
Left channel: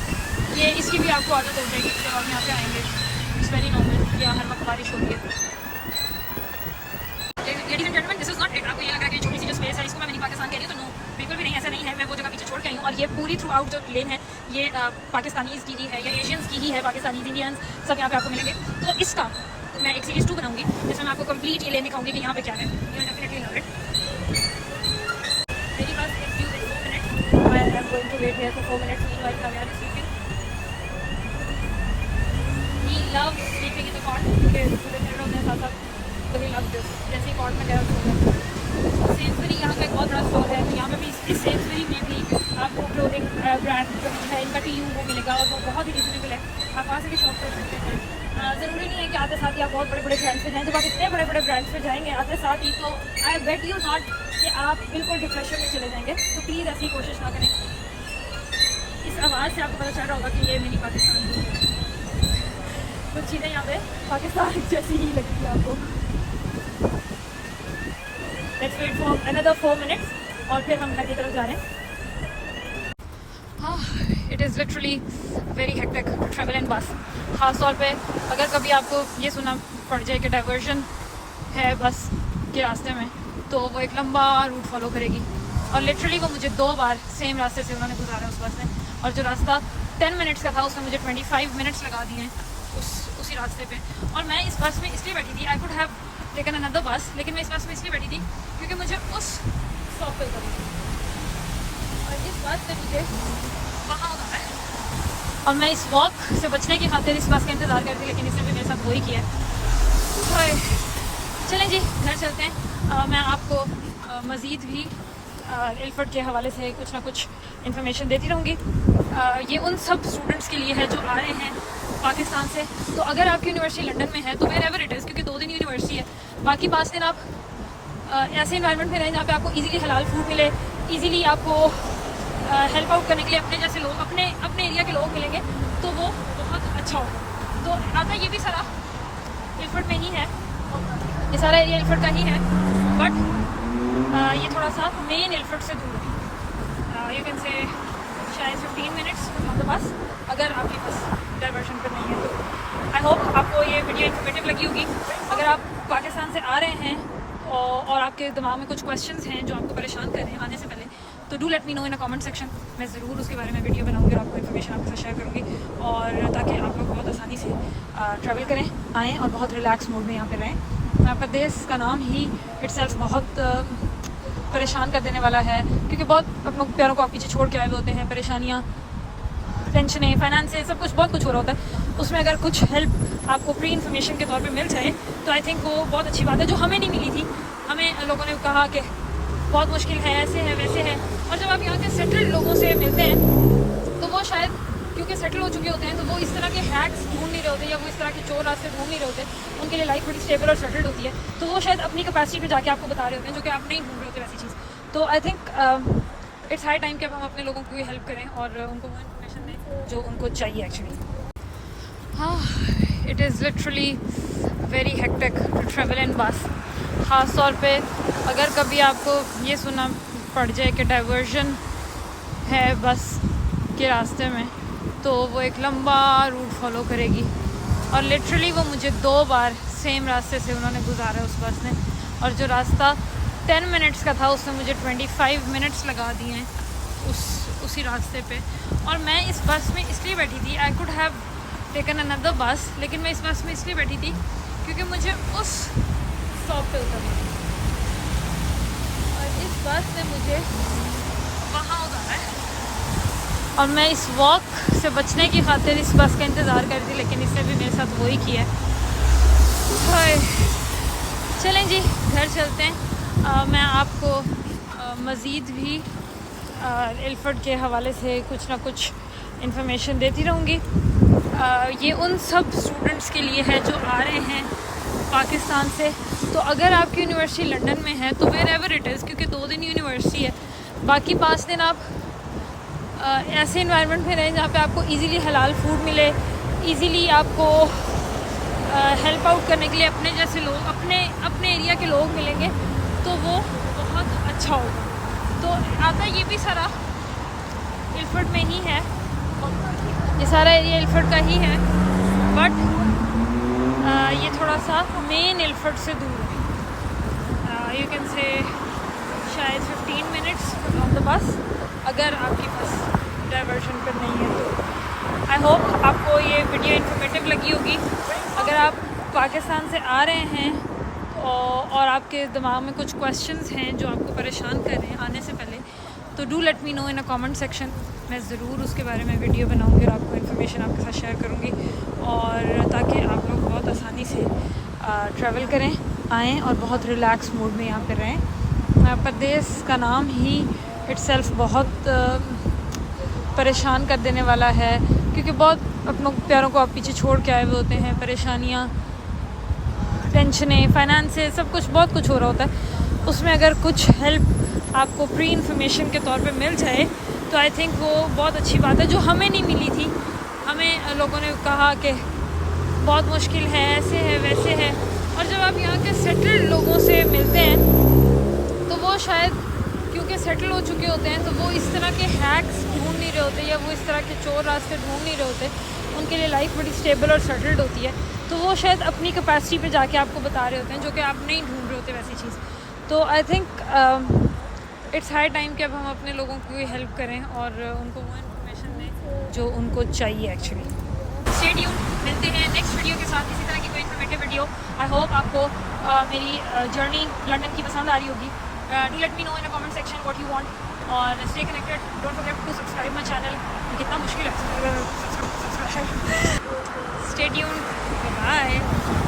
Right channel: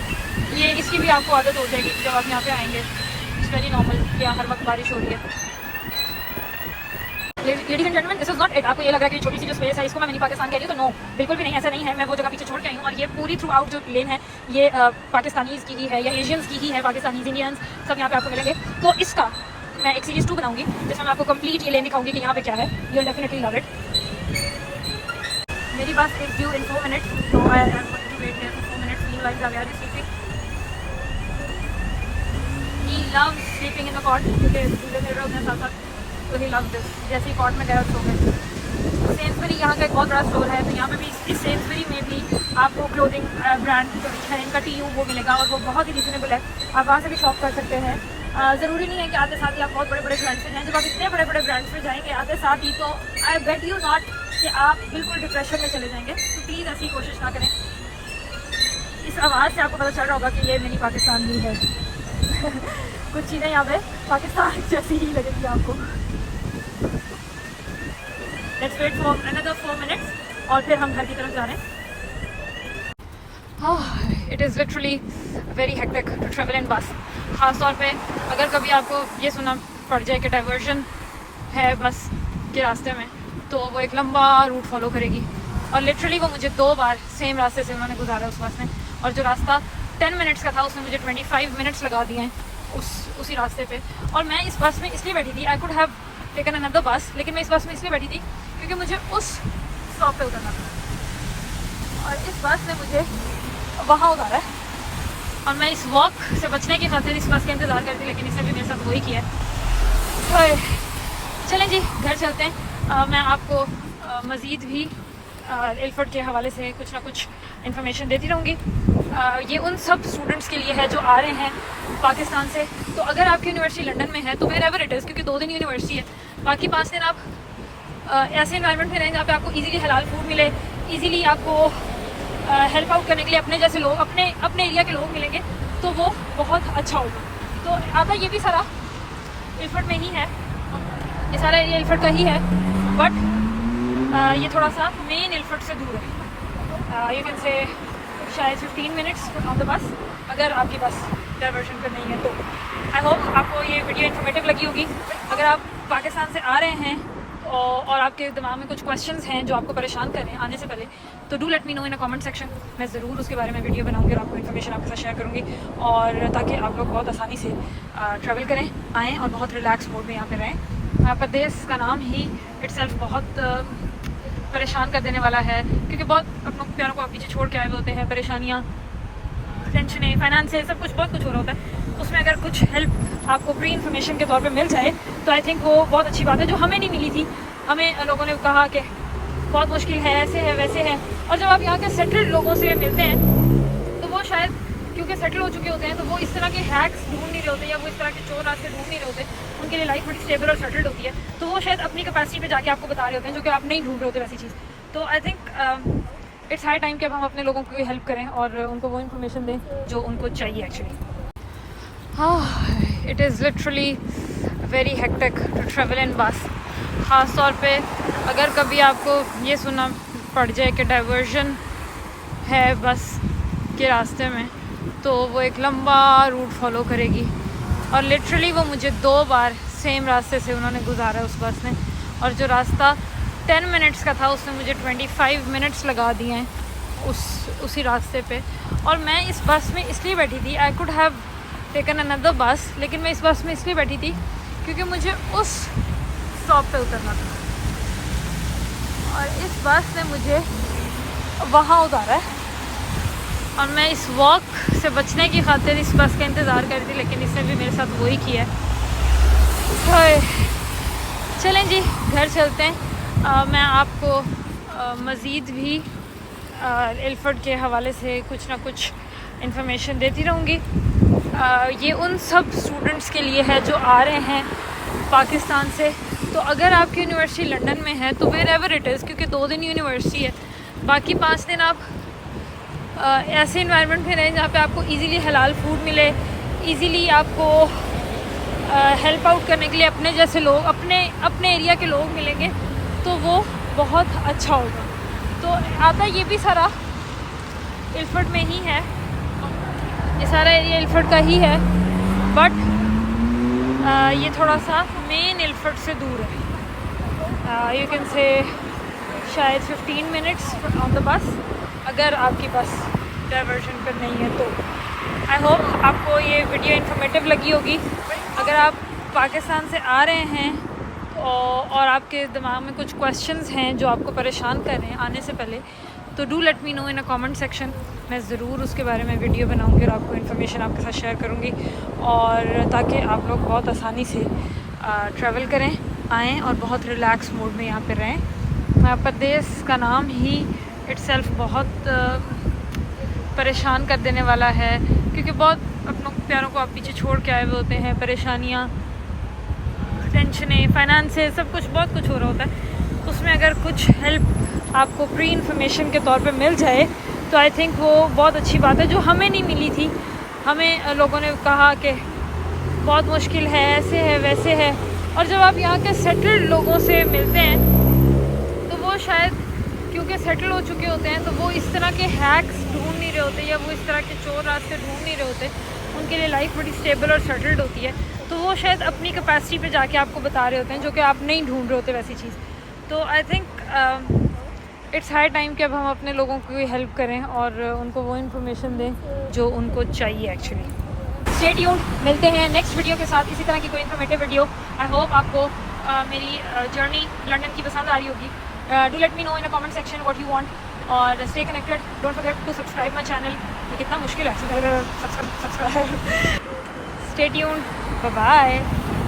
ये इसकी भी आपको आदत हो जाएगी जब आप यहाँ पे आएंगे। इट्स वेरी नॉर्मल कि हर वक्त बारिश हो रही है। Ladies and gentleman, this is not it. आपको ये लग रहा है कि छोटी सी जो स्पेस है इसको मैं मिनी पाकिस्तान कह रही हूँ, तो नो, बिल्कुल भी नहीं, ऐसा नहीं है। मैं वो जगह पीछे छोड़ के आई हूँ, और ये पूरी थ्रू आउट जो लेन है ये पाकिस्तानीज़ की ही है या एशियंस की ही है। पाकिस्तानी, इंडियंस सब यहाँ पे आपको मिलेंगे। तो इसका मैं एक सीरीज 2 बनाऊंगी जिसमें मैं आपको कंप्लीट ये लेन दिखाऊंगी कि यहाँ पे क्या है। You will definitely love it. मेरी बात is due in 4 minutes, so I am going to wait here for 4 minutes. Meanwhile, Javier is sleeping. He loves sleeping in the cot because so he loves this. जैसे ही कॉट में गया सो गया। सेंसबरी यहाँ का एक बहुत बड़ा स्टोर है, तो यहाँ पे भी इस सेंसबरी में भी आपको क्लोथिंग ब्रांड है इनका TU को मिलेगा, और वो बहुत ही रिजनेबल है। आप वहाँ से भी शॉप कर सकते हैं। ज़रूरी नहीं है कि आते साथ ही आप बहुत बड़े बड़े ब्रांड्स पे जाएँ। जब आप इतने बड़े बड़े ब्रांड्स पे जाएंगे आते साथ ही, तो आई बेट यू नॉट कि आप बिल्कुल डिप्रेशन में चले जाएंगे। तो प्लीज़ ऐसी कोशिश ना करें। इस आवाज़ से आपको पता चल रहा होगा कि ये मिनी पाकिस्तान ही है। कुछ चीज़ें यहाँ पे पाकिस्तान जैसी ही लगेगी आपको। Let's wait for another 4 minutes और फिर हम घर की तरफ जा रहे हैं। It is literally very hectic to travel in bus. ख़ास तौर पे अगर कभी आपको ये सुना पड़ जाए कि डाइवर्जन है बस के रास्ते में, तो वो एक लंबा रूट फॉलो करेगी, और लिटरली वो मुझे 2 बार सेम रास्ते से उन्होंने गुजारा उस बस में, और जो रास्ता 10 minutes का था उसने मुझे 25 minutes लगा दिए हैं उसी रास्ते पे। और मैं इस बस में इसलिए बैठी थी, I could have taken another बस, लेकिन मैं इस बस में इसलिए बैठी थी क्योंकि मुझे उस स्टॉप पे उतरना था, और इस बस ने मुझे वहाँ उतारा है, और मैं इस वॉक से बचने की खातिर इस बस का इंतज़ार करती, लेकिन इसने भी मेरे साथ वही किया है। तो चलें जी, घर चलते हैं। मैं आपको मज़ीद भी इल्फर्ट के हवाले से कुछ ना कुछ इन्फॉर्मेशन देती रहूँगी। ये उन सब स्टूडेंट्स के लिए है जो आ रहे हैं पाकिस्तान से। तो अगर आपकी यूनिवर्सिटी लंदन में है तो वेयर एवर इट इज़, क्योंकि 2 दिन यूनिवर्सिटी है, बाकी 5 दिन आप ऐसे इन्वायरमेंट में रहें जहाँ पे आपको इजीली हलाल फूड मिले, इजीली आपको हेल्प आउट करने के लिए अपने जैसे लोग, अपने एरिया के लोग मिलेंगे, तो वो बहुत अच्छा हो। तो आपका ये भी सारा इल्फर्ट में ही है, ये सारा एरिया इल्फर्ट का ही है, बट ये थोड़ा सा मेन इल्फर्ट से दूर है। यू कैन से शायद 15 minutes ऑन द बस, अगर आपकी बस डाइवर्शन पर नहीं है तो। आई होप आपको ये वीडियो इन्फॉर्मेटिव लगी होगी। अगर आप पाकिस्तान से आ रहे हैं और आपके दिमाग में कुछ क्वेश्चंस हैं जो आपको परेशान कर रहे हैं आने से पहले, तो do let me know in a comment section. मैं ज़रूर उसके बारे में वीडियो बनाऊंगी और आपको इन्फॉर्मेशन आपके साथ शेयर करूँगी, और ताकि आप लोग बहुत आसानी से ट्रैवल करें, आएँ और बहुत रिलैक्स मोड में यहाँ पे रहें। प्रदेश का नाम ही इटसेल्फ बहुत परेशान कर देने वाला है, क्योंकि बहुत अपनों प्यारों को आप पीछे छोड़ के आए हुए होते हैं। परेशानियाँ, टेंशनें, फाइनेंस, सब कुछ बहुत कुछ हो रहा होता है। उसमें अगर कुछ हेल्प आपको प्री इन्फॉर्मेशन के तौर पे मिल जाए तो आई थिंक वो बहुत अच्छी बात है, जो हमें नहीं मिली थी। हमें लोगों ने कहा कि बहुत मुश्किल है, ऐसे है वैसे है, और जब आप यहाँ के सेटल्ड लोगों से मिलते हैं तो वो शायद क्योंकि सेटल हो चुके होते हैं, तो वो इस तरह के हैक्स ढूंढ नहीं रहे होते, या वो इस तरह के चोर रास्ते ढूंढ नहीं रहे होते। उनके लिए लाइफ बड़ी स्टेबल और सेटल्ड होती है, तो वो शायद अपनी कैपेसिटी पे जाके आपको बता रहे होते हैं, जो कि आप नहीं ढूंढ रहे होते वैसी चीज़। तो I think it's high time कि अब हम अपने लोगों को हेल्प करें और उनको वो इन्फॉर्मेशन दें जो उनको चाहिए एक्चुअली। हाँ, it is literally very hectic to travel in bus. ख़ास तौर पे अगर कभी आपको ये सुना पड़ जाए कि डाइवर्जन है बस के रास्ते में, तो वो एक लंबा रूट फॉलो करेगी, और लिटरली वो मुझे 2 बार सेम रास्ते से उन्होंने गुजारा उस बस ने, और जो रास्ता 10 minutes का था उसने मुझे 25 minutes लगा दिए हैं उसी रास्ते पे। और मैं इस बस में इसलिए बैठी थी, I could have taken another बस, लेकिन मैं इस बस में इसलिए बैठी थी क्योंकि मुझे उस स्टॉप पे उतरना था। और इस बस ने मुझे वहाँ उतारा है और मैं इस वॉक से बचने की खातिर इस बस का इंतज़ार कर रही थी, लेकिन इसने भी मेरे साथ वही किया है। चलें जी, घर चलते हैं। मैं आपको मज़ीद भी इल्फर्ड के हवाले से कुछ ना कुछ इंफॉर्मेशन देती रहूँगी। ये उन सब स्टूडेंट्स के लिए है जो आ रहे हैं पाकिस्तान से। तो अगर आपकी यूनिवर्सिटी लंदन में है तो वेयर एवर इट इज़, क्योंकि 2 दिन यूनिवर्सिटी है, बाकी 5 दिन आप ऐसे इन्वायरमेंट में रहें जहाँ पे आपको इजीली हलाल फूड मिले, इजीली आपको हेल्प आउट करने के लिए अपने जैसे लोग, अपने एरिया के लोग मिलेंगे, तो वो बहुत अच्छा होगा। तो आता ये भी सारा इल्फर्ड में ही है, ये सारा एरिया इल्फर्ड का ही है, बट ये थोड़ा सा मेन इल्फर्ड से दूर है। यू कैन से शायद 15 मिनट्स ऑन द बस, अगर आपकी बस डाइवर्जन पर नहीं है तो। आई होप आपको ये वीडियो इन्फॉर्मेटिव लगी होगी। अगर आप पाकिस्तान से आ रहे हैं और आपके दिमाग में कुछ क्वेश्चंस हैं जो आपको परेशान कर रहे हैं आने से पहले, तो do let me know in a comment section. मैं ज़रूर उसके बारे में वीडियो बनाऊंगी और आपको इन्फॉर्मेशन आपके साथ शेयर करूंगी, और ताकि आप लोग बहुत आसानी से ट्रैवल करें, आएँ और बहुत रिलैक्स मूड में यहाँ पर रहें। प्रदेश का नाम ही इट्सेल्फ बहुत परेशान कर देने वाला है, क्योंकि बहुत अपनों प्यारों को आप पीछे छोड़ के आए हुए होते हैं। परेशानियाँ, टेंशनें, फाइनेंसेस, सब कुछ, बहुत कुछ हो रहा होता है। उसमें अगर कुछ हेल्प आपको प्री इन्फॉर्मेशन के तौर पे मिल जाए तो आई थिंक वो बहुत अच्छी बात है, जो हमें नहीं मिली थी। हमें लोगों ने कहा कि बहुत मुश्किल है, ऐसे है, वैसे है, और जब आप यहाँ के सेटल्ड लोगों से मिलते हैं तो वो शायद क्योंकि सेटल हो चुके होते हैं, तो वो इस तरह के हैक्स ढूंढ नहीं रहे होते, या वो इस तरह के चोर रास्ते ढूंढ नहीं रहे होते। उनके लिए लाइफ बड़ी स्टेबल और सेटल्ड होती है, तो वो शायद अपनी कैपेसिटी पे जाके आपको बता रहे होते हैं, जो कि आप नहीं ढूंढ रहे होते वैसी चीज़। तो I think it's high time कि अब हम अपने लोगों की हेल्प करें और उनको वो इन्फॉर्मेशन दें जो उनको चाहिए एक्चुअली। स्टे ट्यून्ड, मिलते हैं नेक्स्ट वीडियो के साथ, किसी तरह की कोई इन्फॉर्मेटिव वीडियो। आई होप आपको मेरी जर्नी लंदन की पसंद आ रही होगी। Do let me know in the comment section what you want, और stay connected. Don't forget to subscribe my channel. कितना मुश्किल है, stay tuned. Bye bye.